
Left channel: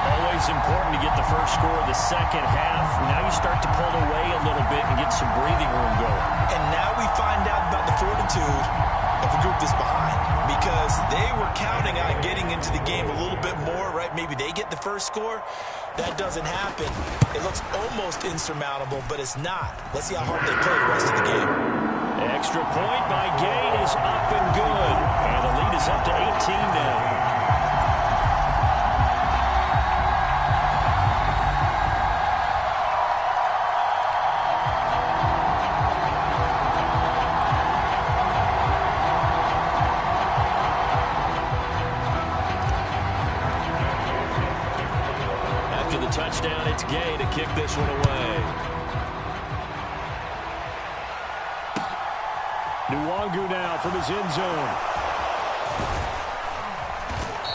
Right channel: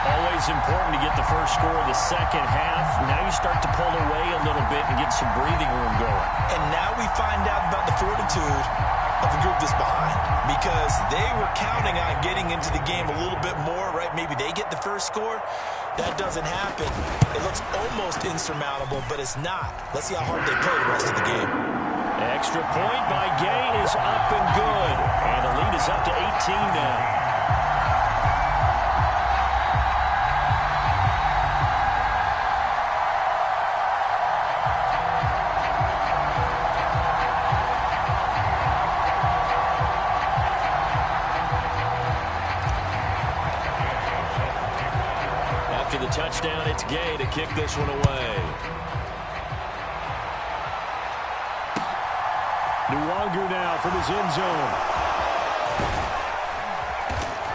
Always important to get the first score of the second half. Now you start to pull away a little bit and get some breathing room going. And now we find out about the fortitude of the group that's behind, because they were counting on getting into the game a little bit more, right? Maybe they get the first score. That doesn't happen. It looks almost insurmountable, but it's not. Let's see how hard they play the rest of the game. Extra point by Gay is up and good. And the lead is up to 18 now. After the touchdown, it's Gay to kick this one away. Nwangu now from his end zone.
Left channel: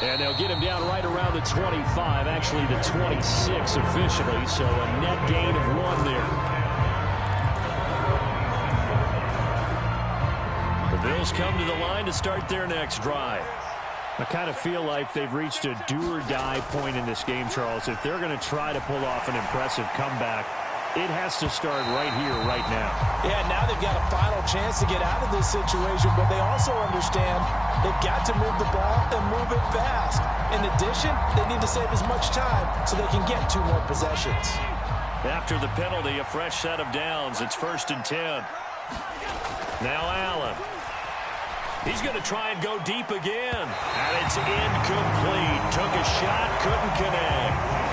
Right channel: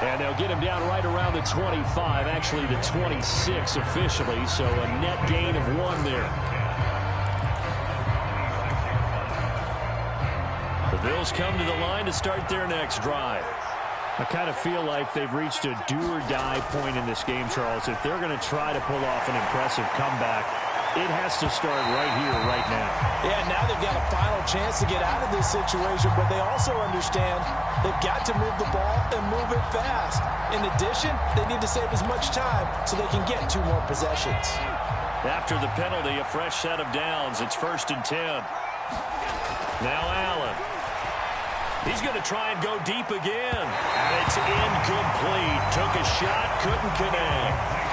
And they'll get him down right around the 25, actually the 26 officially, so a net gain of 1 there. The Bills come to the line to start their next drive. I kind of feel like they've reached a do-or-die point in this game, Charles. If they're going to try to pull off an impressive comeback, it has to start right here, right now. Yeah, now they've got a final chance to get out of this situation, but they also understand they've got to move the ball and move it fast. In addition, they need to save as much time so they can get 2 more possessions. After the penalty, a fresh set of downs. It's 1st and 10. Now Allen. He's going to try and go deep again. And it's incomplete. Took a shot, couldn't connect.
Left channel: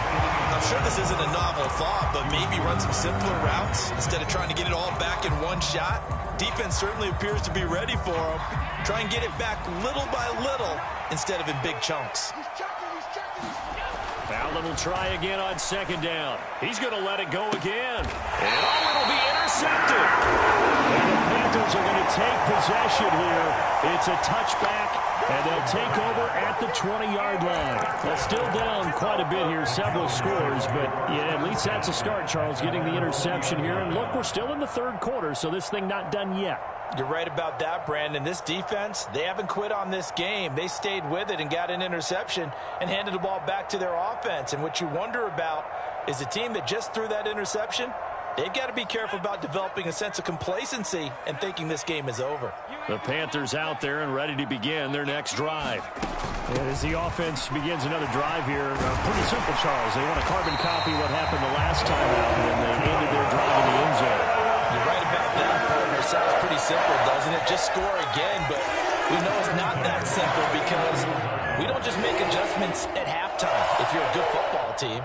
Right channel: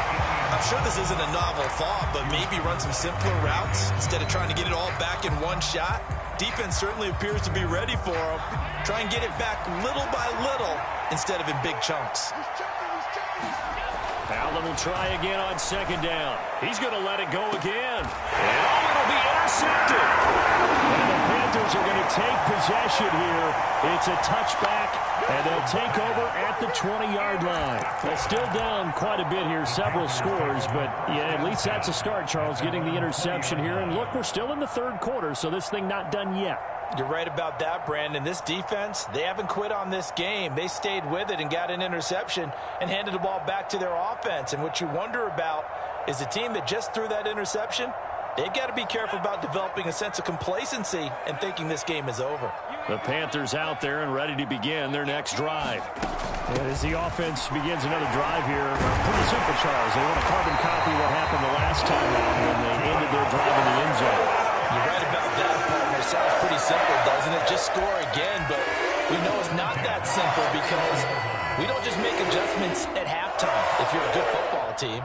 I'm sure this isn't a novel thought, but maybe run some simpler routes instead of trying to get it all back in one shot. Defense certainly appears to be ready for him. Try and get it back little by little instead of in big chunks. Allen will try again on 2nd down. He's going to let it go again. And it'll be intercepted. And the Panthers are going to take possession here. It's a touchback, and they'll take over at the 20-yard line. Well, still down quite a bit here, several scores, but yeah, at least that's a start, Charles, getting the interception here. And look, we're still in the 3rd quarter, so this thing not done yet. You're right about that, Brandon. This defense, they haven't quit on this game. They stayed with it and got an interception and handed the ball back to their offense. And what you wonder about is the team that just threw that interception, they've got to be careful about developing a sense of complacency and thinking this game is over. The Panthers out there and ready to begin their next drive. And as the offense begins another drive here, pretty simple, Charles. They want to carbon copy what happened the last time out when they ended their drive in the end zone. You're right about that, partner. Sounds pretty simple, doesn't it? Just score again, but we know it's not that simple because we don't just make adjustments at halftime. If you're a good football team,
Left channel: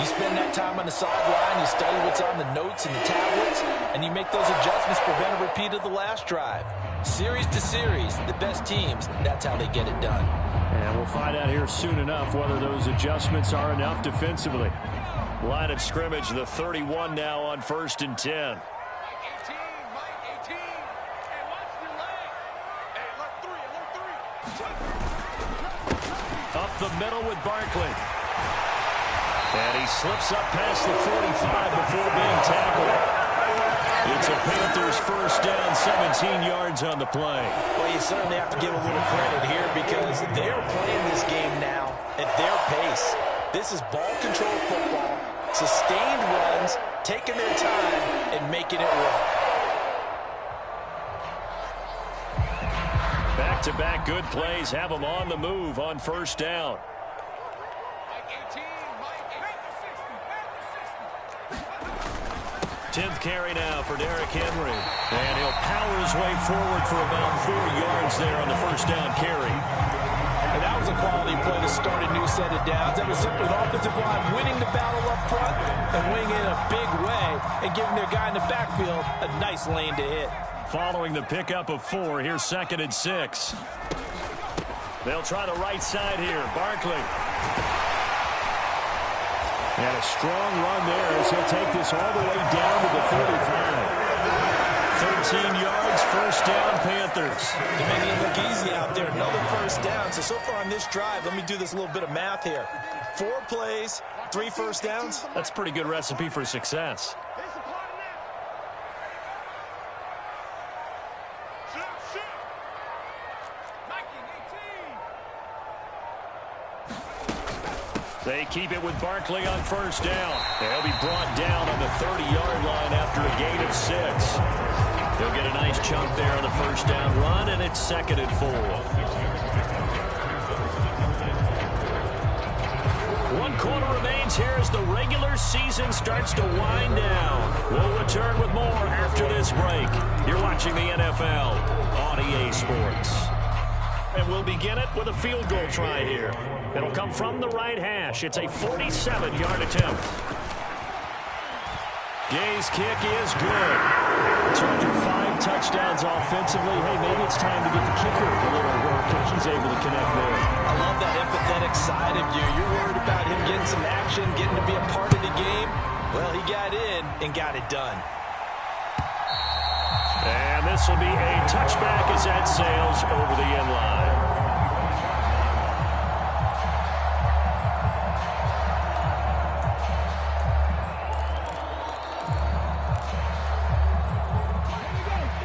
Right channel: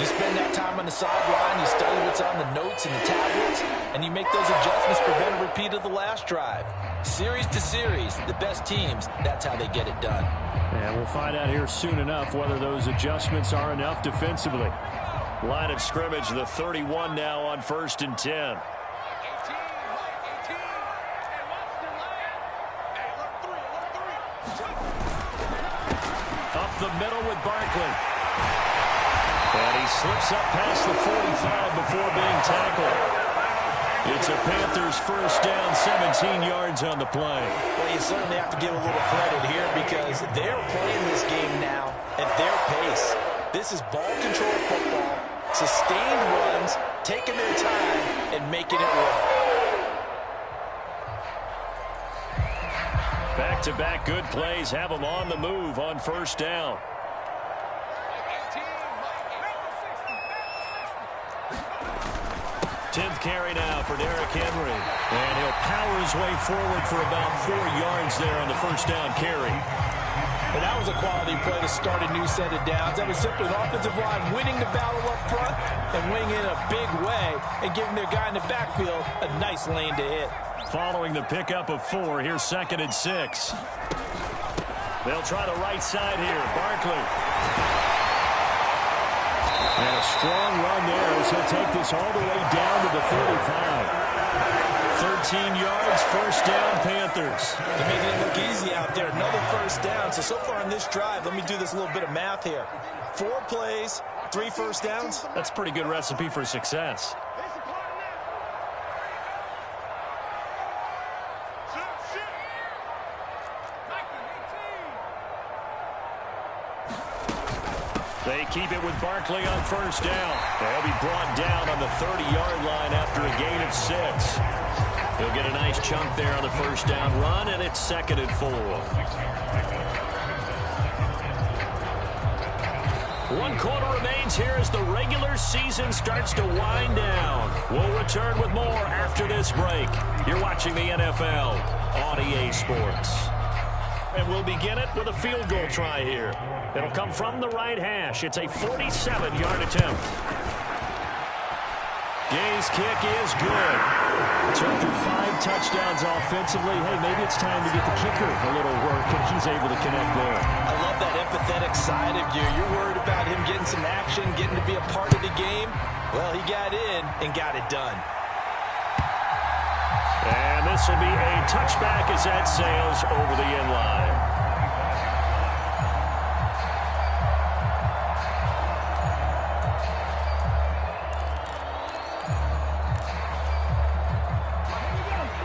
you spend that time on the sideline, you study what's on the notes and the tablets, and you make those adjustments, prevent a repeat of the last drive. Series to series, the best teams, that's how they get it done. And we'll find out here soon enough whether those adjustments are enough defensively. Line of scrimmage, the 31 now on 1st and 10. Up the middle with Barkley. And he slips up past the 45 before being tackled. It's a Panthers 1st down, 17 yards on the play. Well, you certainly have to give a little credit here because they're playing this game now at their pace. This is ball control football, sustained runs, taking their time and making it work. Back-to-back good plays have them on the move on 1st down. 10th carry now for Derrick Henry. And he'll power his way forward for about 4 yards there on the 1st down carry. And that was a quality play to start a new set of downs. That was simply an offensive line winning the battle up front and winning in a big way and giving their guy in the backfield a nice lane to hit. Following the pickup of 4, here's 2nd and 6. They'll try the right side here. Barkley. And a strong run there as he'll take this all the way down to the 35. 13 yards, 1st down, Panthers. They're making it look easy out there. Another 1st down. So far on this drive, let me do this little bit of math here. 4 plays, 3 1st downs. That's a pretty good recipe for success. They keep it with Barkley on first down. They'll be brought down on the 30-yard line after a gain of 6. He'll get a nice chunk there on the first down run, and it's 2nd and 4. 1 quarter remains here as the regular season starts to wind down. We'll return with more after this break. You're watching the NFL on EA Sports. And we'll begin it with a field goal try here. It'll come from the right hash. It's a 47-yard attempt. Gay's kick is good. So after 5 touchdowns offensively, hey, maybe it's time to get the kicker a little work, and he's able to connect there. I love that empathetic side of you. You're worried about him getting some action, getting to be a part of the game. Well, he got in and got it done. And this will be a touchback as that sails over the end line.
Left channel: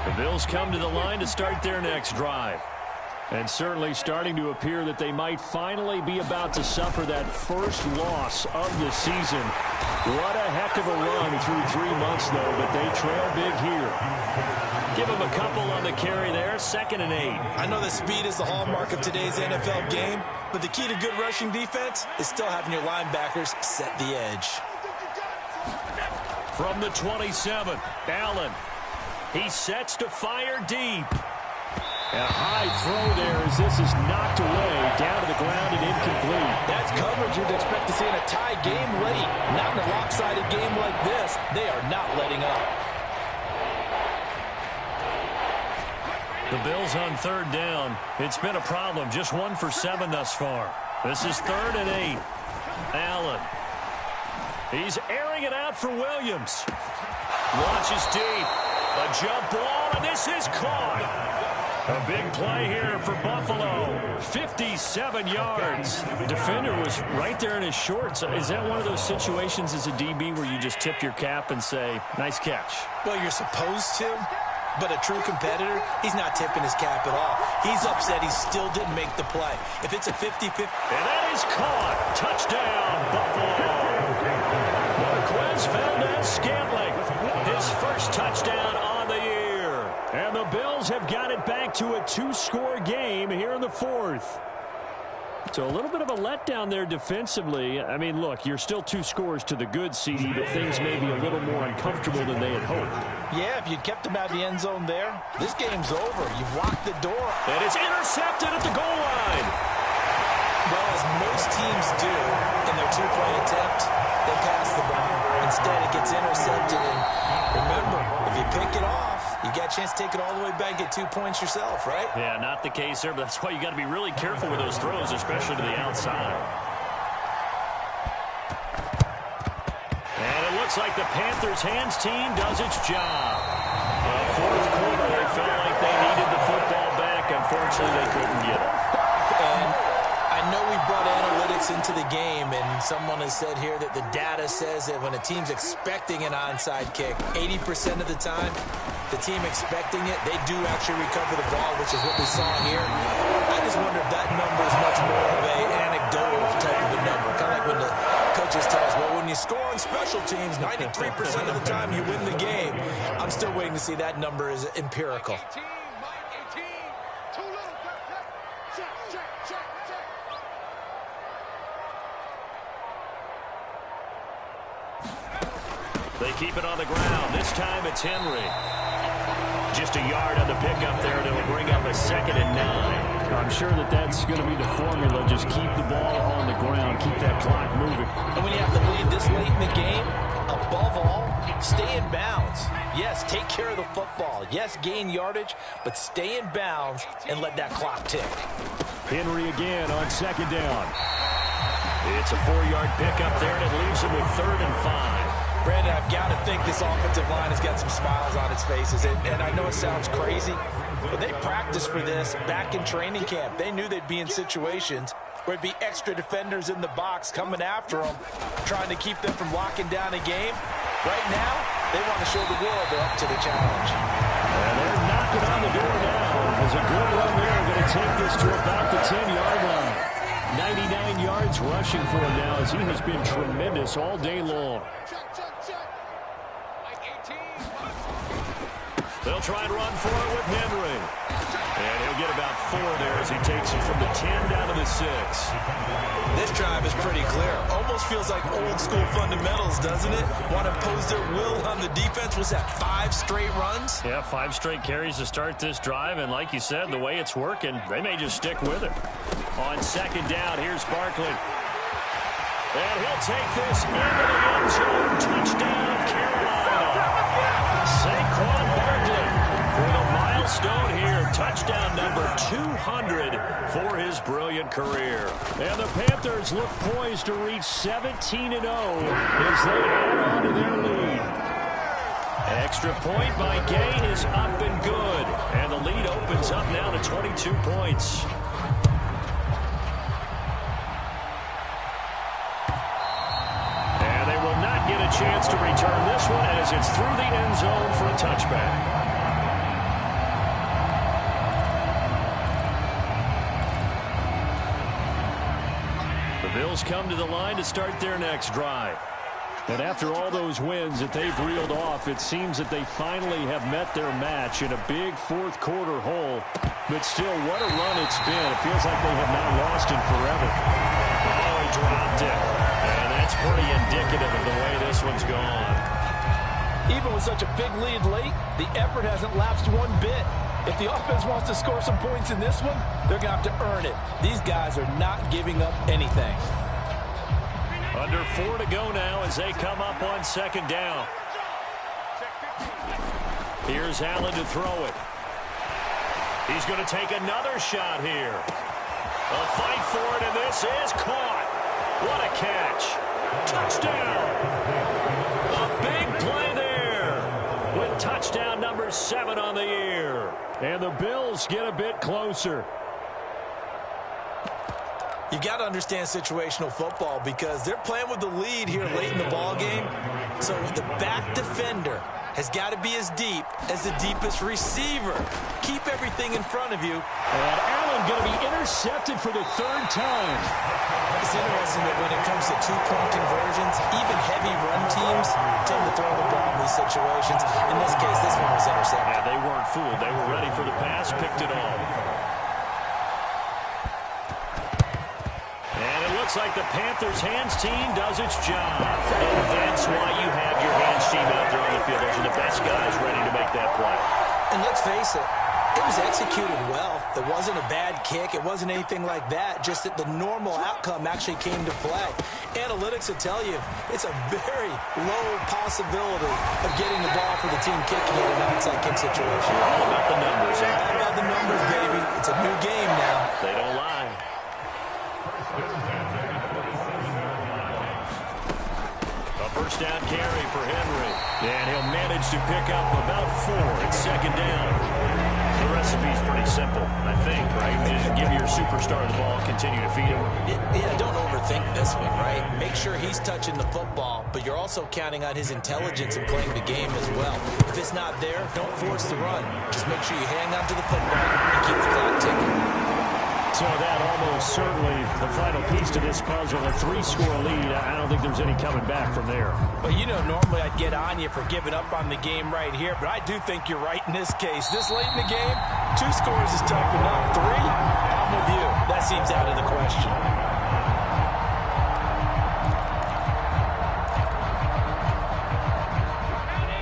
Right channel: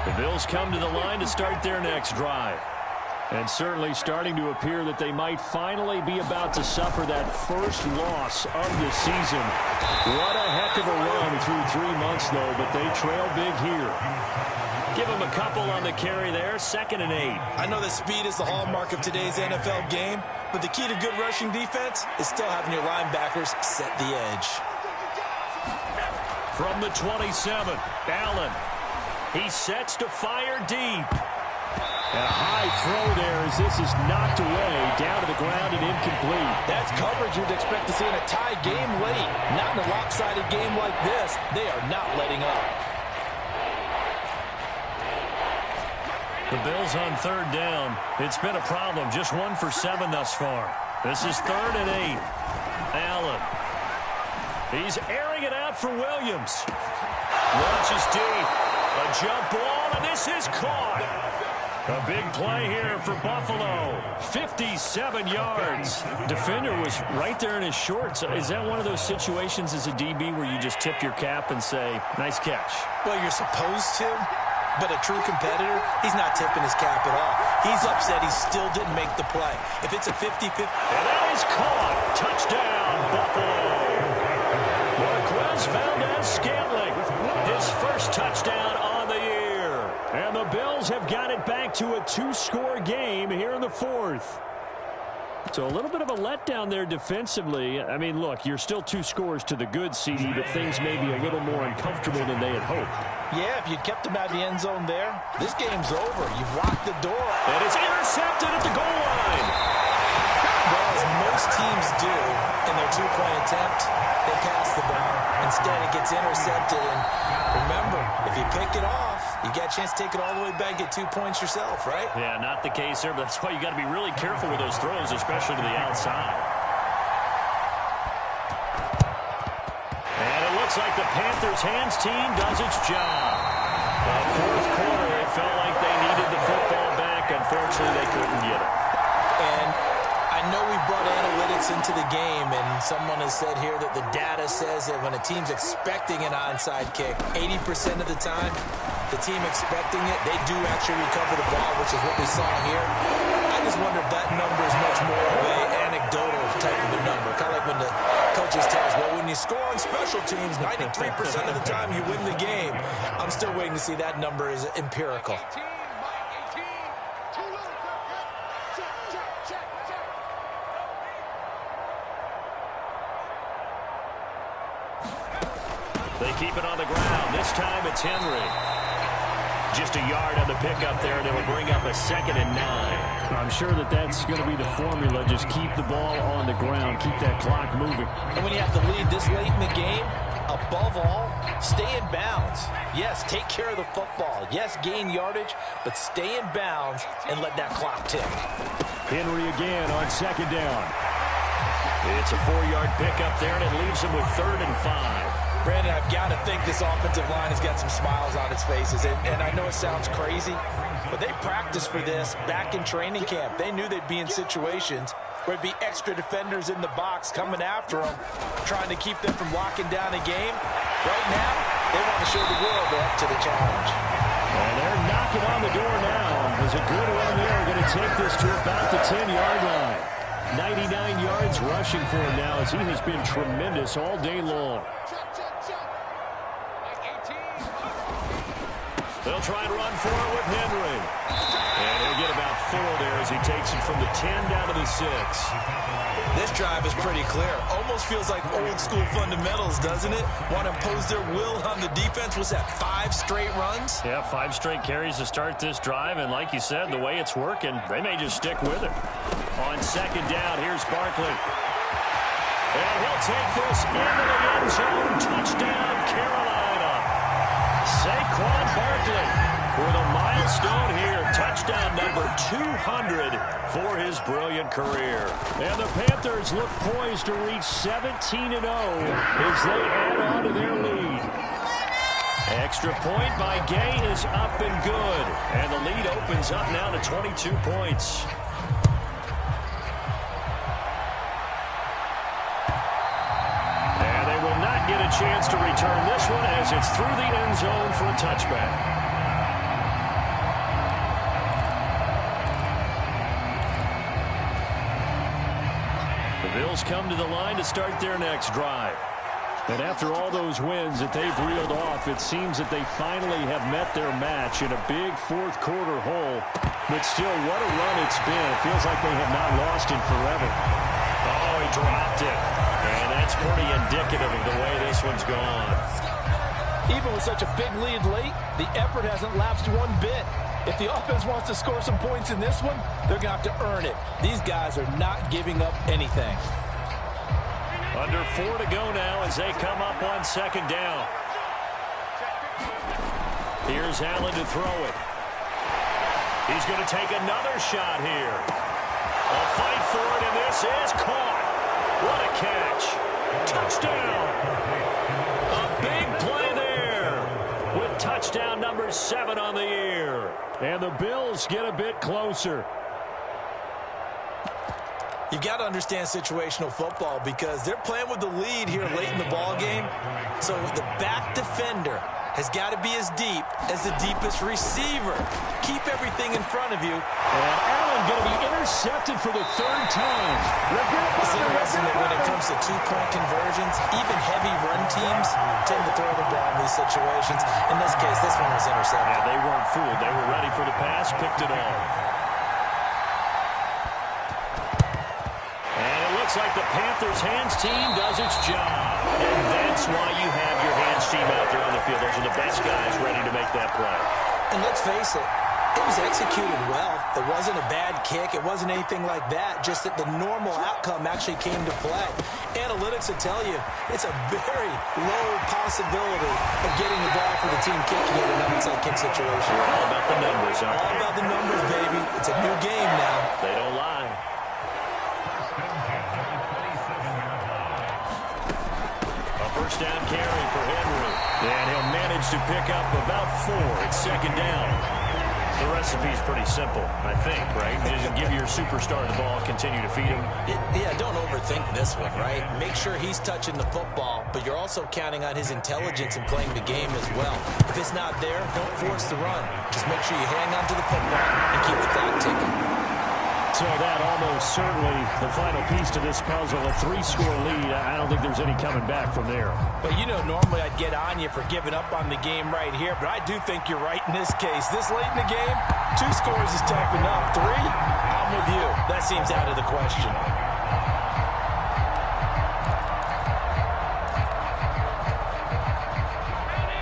The Bills come to the line to start their next drive. And certainly starting to appear that they might finally be about to suffer that first loss of the season. What a heck of a run through 3 months, though, but they trail big here. Give them a couple on the carry there, 2nd and 8. I know that speed is the hallmark of today's NFL game, but the key to good rushing defense is still having your linebackers set the edge. From the 27, Allen. He sets to fire deep. And a high throw there as this is knocked away, down to the ground and incomplete. That's coverage you'd expect to see in a tie game late. Not in a lopsided game like this. They are not letting up. The Bills on 3rd down. It's been a problem. Just 1 for 7 thus far. This is 3rd and 8. Allen. He's airing it out for Williams. Launches deep. A jump ball, and this is caught. A big play here for Buffalo. 57 yards. Defender was right there in his shorts. Is that one of those situations as a DB where you just tip your cap and say, nice catch? Well, you're supposed to, but a true competitor, he's not tipping his cap at all. He's upset he still didn't make the play. If it's a 50-50. And that is caught. Touchdown, Buffalo. Marquez Valdez-Scantling. His first touchdown on the year. And the Bills have got it back to a 2-score game here in the 4th. So a little bit of a letdown there defensively. I mean, look, you're still 2 scores to the good, CD, but things may be a little more uncomfortable than they had hoped. Yeah, if you'd kept him out of the end zone there, this game's over. You've locked the door. And it's intercepted at the goal line. Well, as most teams do in their 2-point attempt, they pass the ball. Instead, it gets intercepted. And remember, if you pick it off, you got a chance to take it all the way back, get 2 points yourself, right? Yeah, not the case there, but that's why you got to be really careful with those throws, especially to the outside. And it looks like the Panthers' hands team does its job. Fourth quarter, they felt like they needed the football back. Unfortunately, they couldn't get it. And I know we brought analytics into the game, and someone has said here that the data says that when a team's expecting an onside kick, 80% of the time, the team expecting it, they do actually recover the ball, which is what we saw here. I just wonder if that number is much more of a anecdotal type of a number. Kind of like when the coaches tell us, well, when you score on special teams, 93% of the time you win the game. I'm still waiting to see that number is empirical. They keep it on the ground. This time it's Henry. Just a yard on the pickup there, and it'll bring up a 2nd and 9. I'm sure that that's going to be the formula. Just keep the ball on the ground. Keep that clock moving. And when you have the lead this late in the game, above all, stay in bounds. Yes, take care of the football. Yes, gain yardage, but stay in bounds and let that clock tick. Henry again on 2nd down. It's a 4-yard pickup there, and it leaves him with 3rd and 5. Brandon, I've got to think this offensive line has got some smiles on its faces. And I know it sounds crazy, but they practiced for this back in training camp. They knew they'd be in situations where it'd be extra defenders in the box coming after them, trying to keep them from locking down a game. Right now, they want to show the world they're up to the challenge. And they're knocking on the door now. As a good run there, going to take this to about the 10-yard line. 99 yards rushing for him now as he has been tremendous all day long. Check. Like 18. They'll try and run for it with Henry. And he'll get about 4 there as he takes it from the 10 down to the 6. This drive is pretty clear. Almost feels like old school fundamentals, doesn't it? Want to impose their will on the defense. Was that 5 straight runs? Yeah, 5 straight carries to start this drive. And like you said, the way it's working, they may just stick with it. On 2nd down, here's Barkley. And he'll take this into the end zone. Touchdown, Carolina. Saquon Barkley with a milestone here. Touchdown number 200 for his brilliant career. And the Panthers look poised to reach 17-0 as they add on to their lead. Extra point by Gay is up and good. And the lead opens up now to 22 points. And they will not get a chance to return this one as it's through the end zone for a touchback. The Bills come to the line to start their next drive. And after all those wins that they've reeled off, it seems that they finally have met their match in a big fourth quarter hole. But still, what a run it's been. It feels like they have not lost in forever. Oh, he dropped it. And that's pretty indicative of the way this one's gone. Even with such a big lead late, the effort hasn't lapsed one bit. If the offense wants to score some points in this one, they're going to have to earn it. These guys are not giving up anything. Under 4 to go now as they come up on 2nd down. Here's Allen to throw it. He's going to take another shot here. A fight for it, and this is caught. What a catch. Touchdown. A big play there with touchdown number 7 on the year. And the Bills get a bit closer. You've got to understand situational football because they're playing with the lead here late in the ball game. So the back defender has got to be as deep as the deepest receiver. Keep everything in front of you. And Allen going to be intercepted for the 3rd time. It's interesting that when it comes to 2-point conversions, even heavy run teams tend to throw the ball in these situations. In this case, this one was intercepted. Yeah, they weren't fooled. They were ready for the pass, picked it off. And it looks like the Panthers' hands team does its job. And that's why you have your hands team out there on the field. Those are the best guys ready to make that play. And let's face it, it was executed well. It wasn't a bad kick. It wasn't anything like that. Just that the normal outcome actually came to play. Analytics will tell you it's a very low possibility of getting the ball for the team kicking it in an onside kick situation. You're all about the numbers, aren't all they? about the numbers, baby. It's a new game now. They don't lie. A first down carry for Henry. And he'll manage to pick up about 4 at 2nd down. The recipe's pretty simple, I think, right? Just give your superstar the ball, continue to feed him. Yeah, don't overthink this one, right? Make sure he's touching the football, but you're also counting on his intelligence in playing the game as well. If it's not there, don't force the run. Just make sure you hang on to the football and keep the clock ticking. So that almost certainly the final piece to this puzzle, a 3-score lead. I don't think there's any coming back from there. But, you know, normally I'd get on you for giving up on the game right here, but I do think you're right in this case. This late in the game, 2 scores is tough enough. 3, I'm with you. That seems out of the question.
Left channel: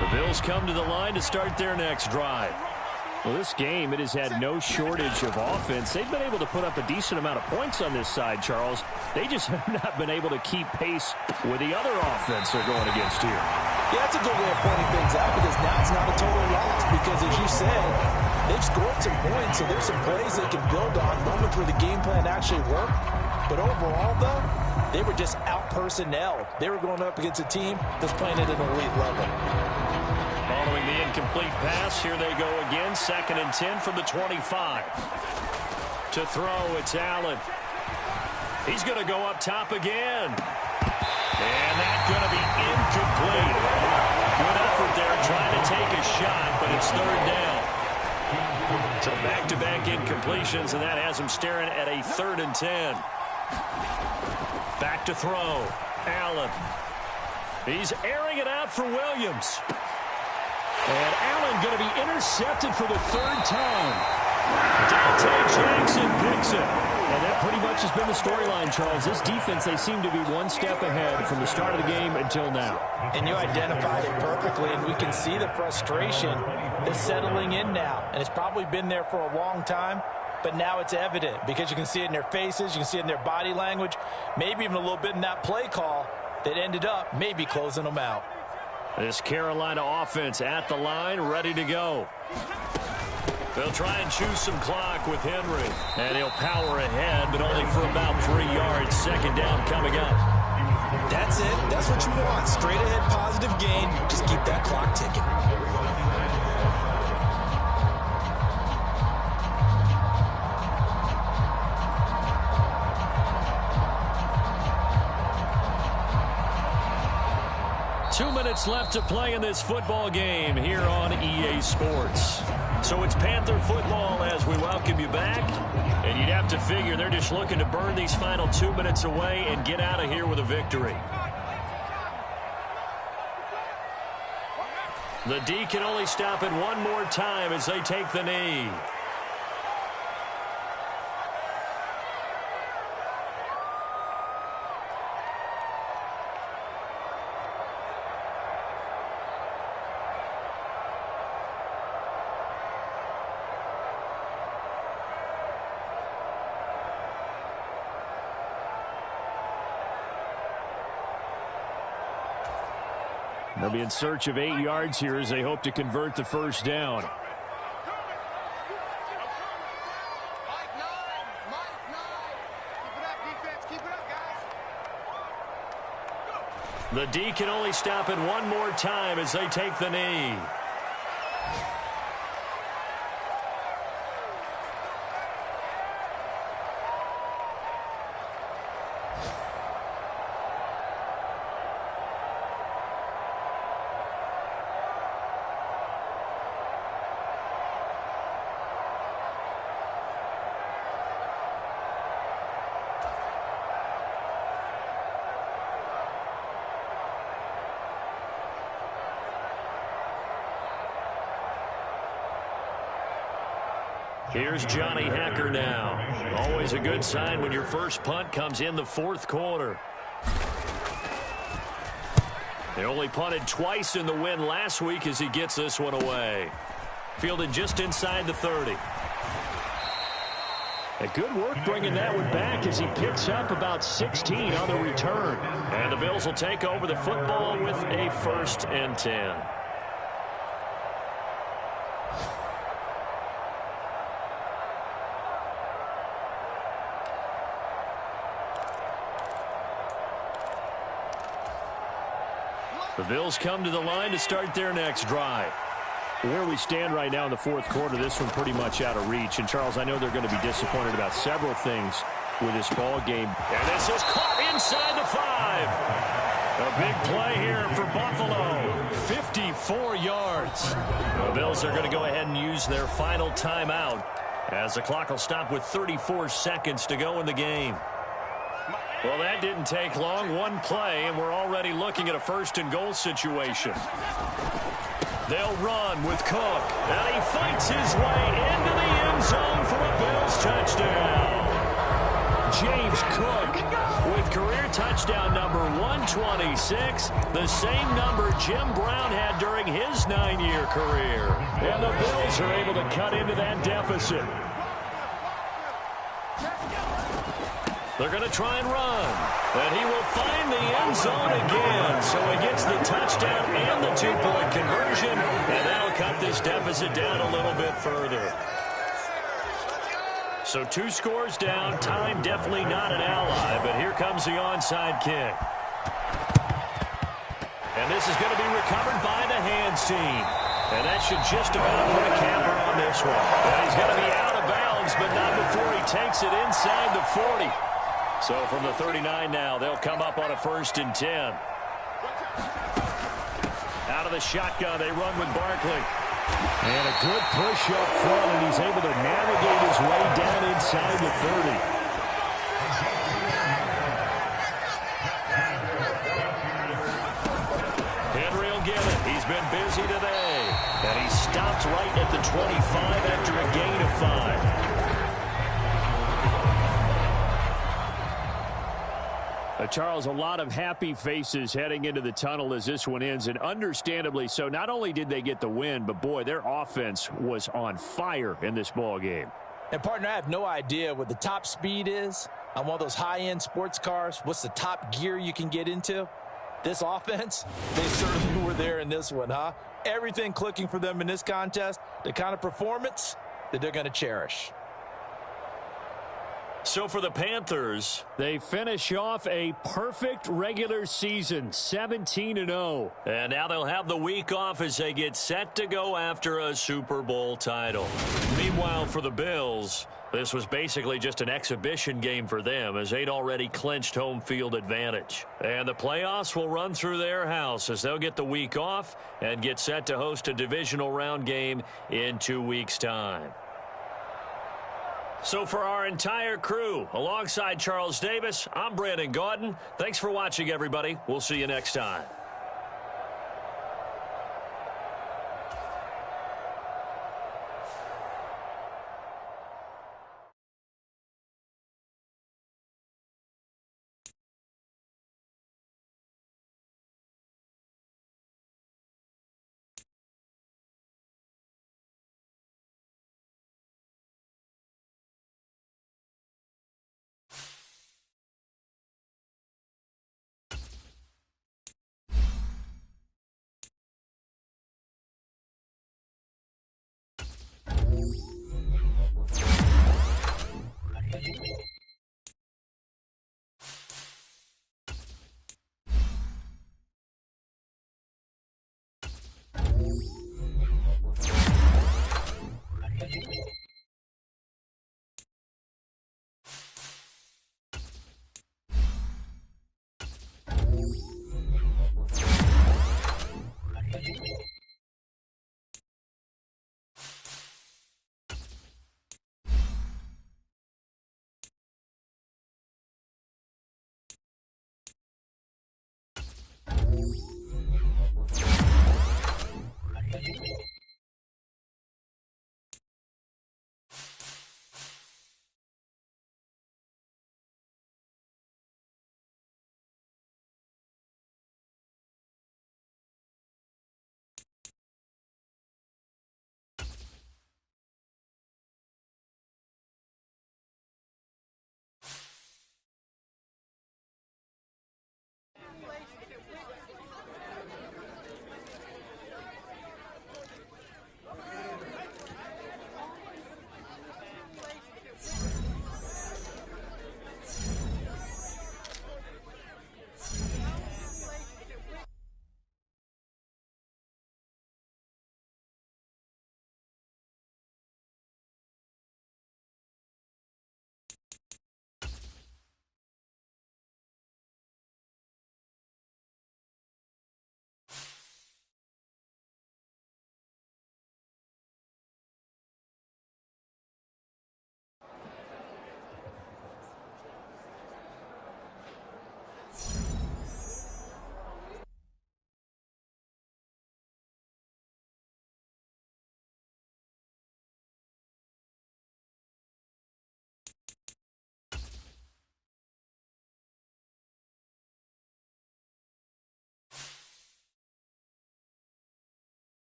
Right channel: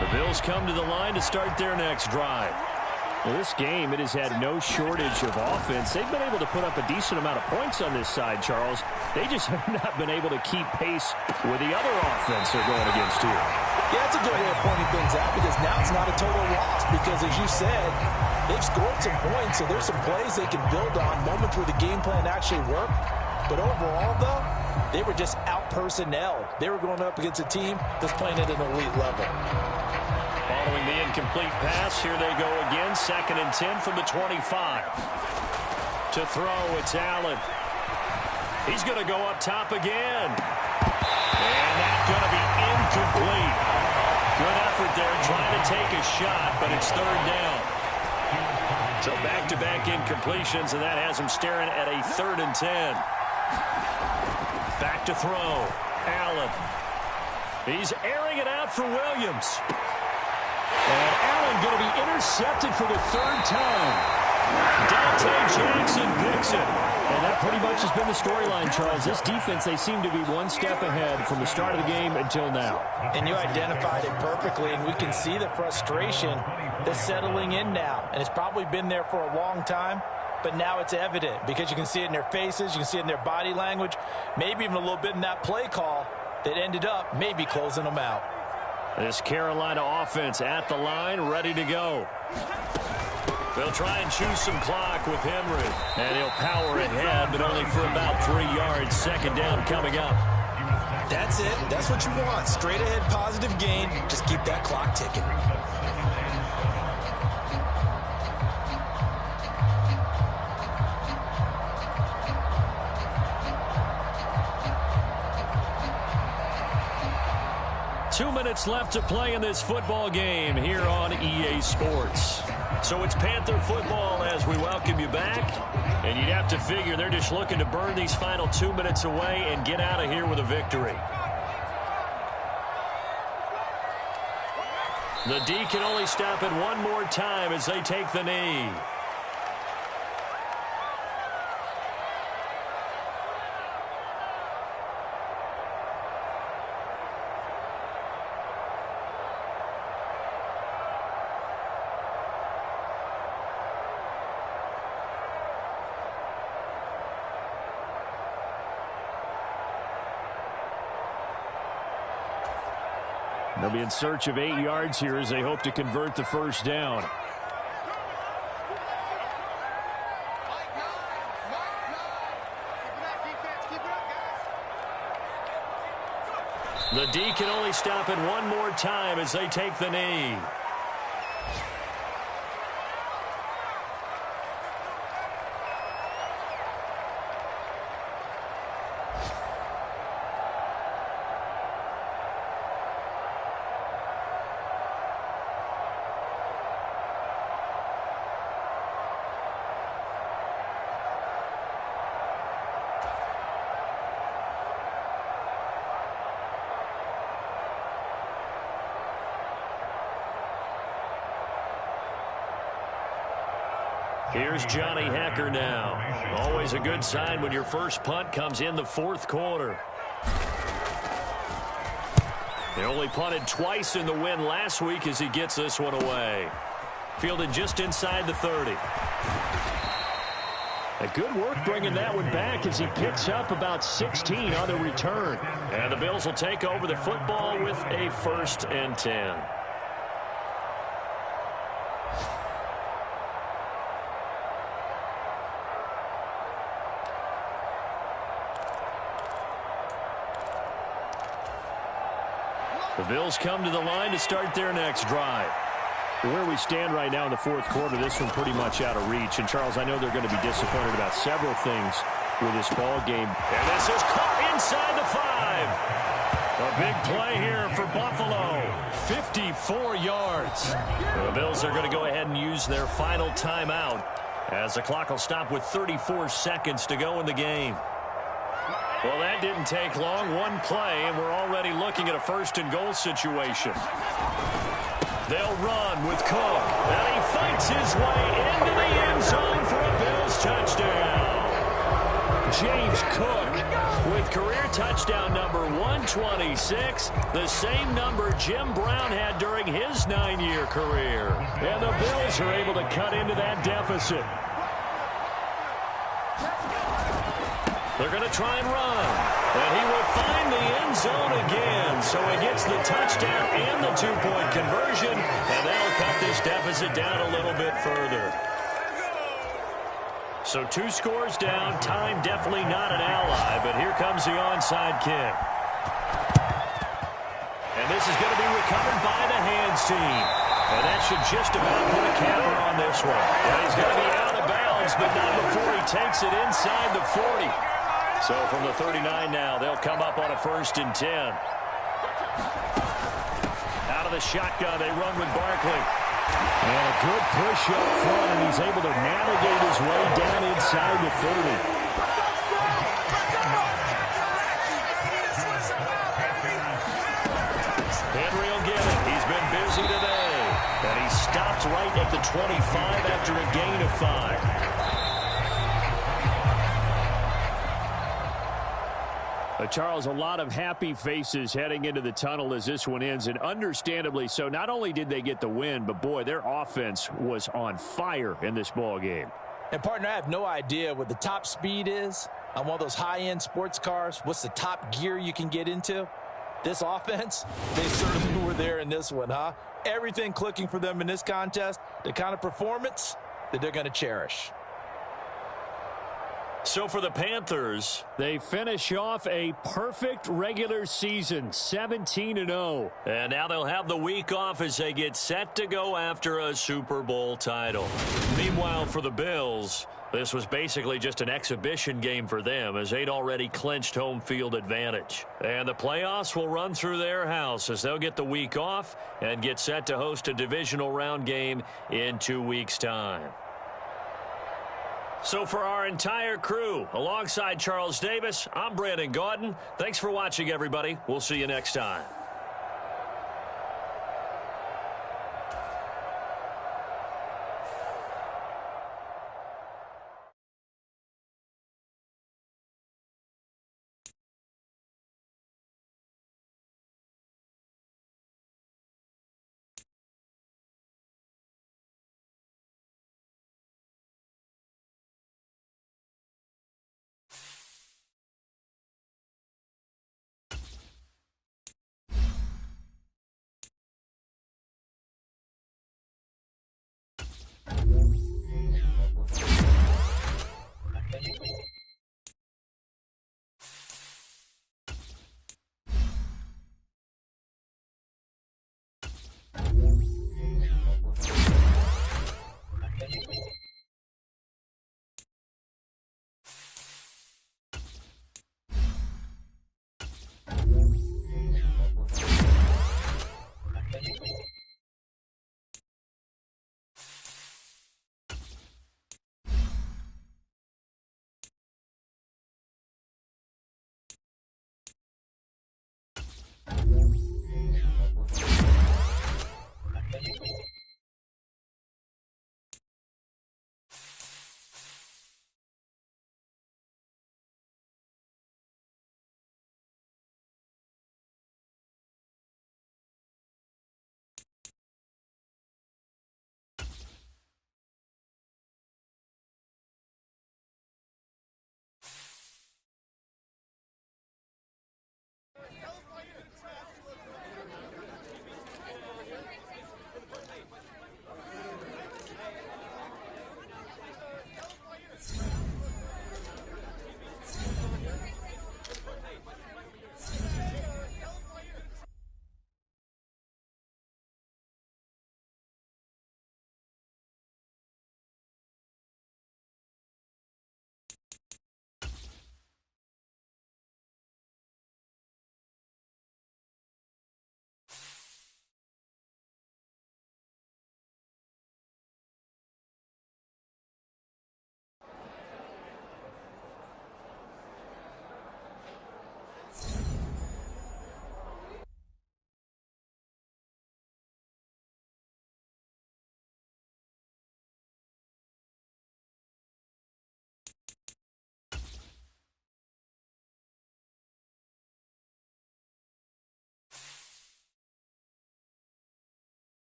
The Bills come to the line to start their next drive. Well, this game, it has had no shortage of offense. They've been able to put up a decent amount of points on this side, Charles. They just have not been able to keep pace with the other offense they're going against here. Yeah, that's a good way of pointing things out because now it's not a total loss because, as you said, they've scored some points, so there's some plays they can build on, moments where the game plan actually worked. But overall, though, they were just out-personnel. They were going up against a team that's playing at an elite level. Following the incomplete pass, here they go again. 2nd and 10 from the 25. To throw, it's Allen. He's going to go up top again. And that's going to be incomplete. Good effort there trying to take a shot, but it's 3rd down. So back-to-back incompletions, and that has him staring at a 3rd and 10. Back to throw. Allen. He's airing it out for Williams. And Allen going to be intercepted for the third time. Dante Jackson picks it. And that pretty much has been the storyline, Charles. This defense, they seem to be one step ahead from the start of the game until now. And you identified it perfectly, and we can see the frustration that's settling in now. And it's probably been there for a long time, but now it's evident because you can see it in their faces, you can see it in their body language, maybe even a little bit in that play call that ended up maybe closing them out. This Carolina offense at the line, ready to go. They'll try and choose some clock with Henry. And he'll power ahead, but only for about 3 yards. Second down coming up. That's it. That's what you want. Straight ahead positive gain. Just keep that clock ticking. Two minutes left to play in this football game here on EA Sports. So it's Panther football as we welcome you back. And you'd have to figure they're just looking to burn these final 2 minutes away and get out of here with a victory. The D can only stop it one more time as they take the knee. They'll be in search of 8 yards here as they hope to convert the first down. The D can only stop it one more time as they take the knee. Here's Johnny Hacker now. Always a good sign when your first punt comes in the fourth quarter. They only punted twice in the win last week as he gets this one away. Fielded just inside the 30. A good work bringing that one back as he picks up about 16 on the return. And the Bills will take over the football with a 1st and 10. The Bills come to the line to start their next drive. Where we stand right now in the fourth quarter, this one pretty much out of reach. And, Charles, I know they're going to be disappointed about several things with this ball game. And this is caught inside the 5. A big play here for Buffalo. 54 yards. The Bills are going to go ahead and use their final timeout as the clock will stop with 34 seconds to go in the game. Well, that didn't take long. One play, and we're already looking at a 1st and goal situation. They'll run with Cook, and he fights his way into the end zone for a Bills touchdown. James Cook with career touchdown number 126, the same number Jim Brown had during his 9-year career. And the Bills are able to cut into that deficit. They're going to try and run. And he will find the end zone again. So he gets the touchdown and the 2-point conversion. And that'll cut this deficit down a little bit further. So 2 scores down. Time definitely not an ally. But here comes the onside kick. And this is going to be recovered by the hands team. And that should just about put a capper on this one. Yeah, he's going to be out of bounds, but not before he takes it inside the 40. So from the 39 now, they'll come up on a 1st and 10. Out of the shotgun, they run with Barkley. And a good push up front, and he's able to navigate his way down inside the 30. stopped right at the 25 after a gain of 5. Charles, a lot of happy faces heading into the tunnel as this one ends, and understandably so. Not only did they get the win, but, boy, their offense was on fire in this ball game. And, partner, I have no idea what the top speed is on one of those high-end sports cars. What's the top gear you can get into? This offense, they certainly were there in this one, huh? Everything clicking for them in this contest, the kind of performance that they're going to cherish. So for the Panthers, they finish off a perfect regular season, 17-0. And now they'll have the week off as they get set to go after a Super Bowl title. Meanwhile, for the Bills, this was basically just an exhibition game for them as they'd already clinched home field advantage. And the playoffs will run through their house as they'll get the week off and get set to host a divisional round game in 2 weeks' time. So for our entire crew, alongside Charles Davis, I'm Brandon Gaudin. Thanks for watching, everybody. We'll see you next time.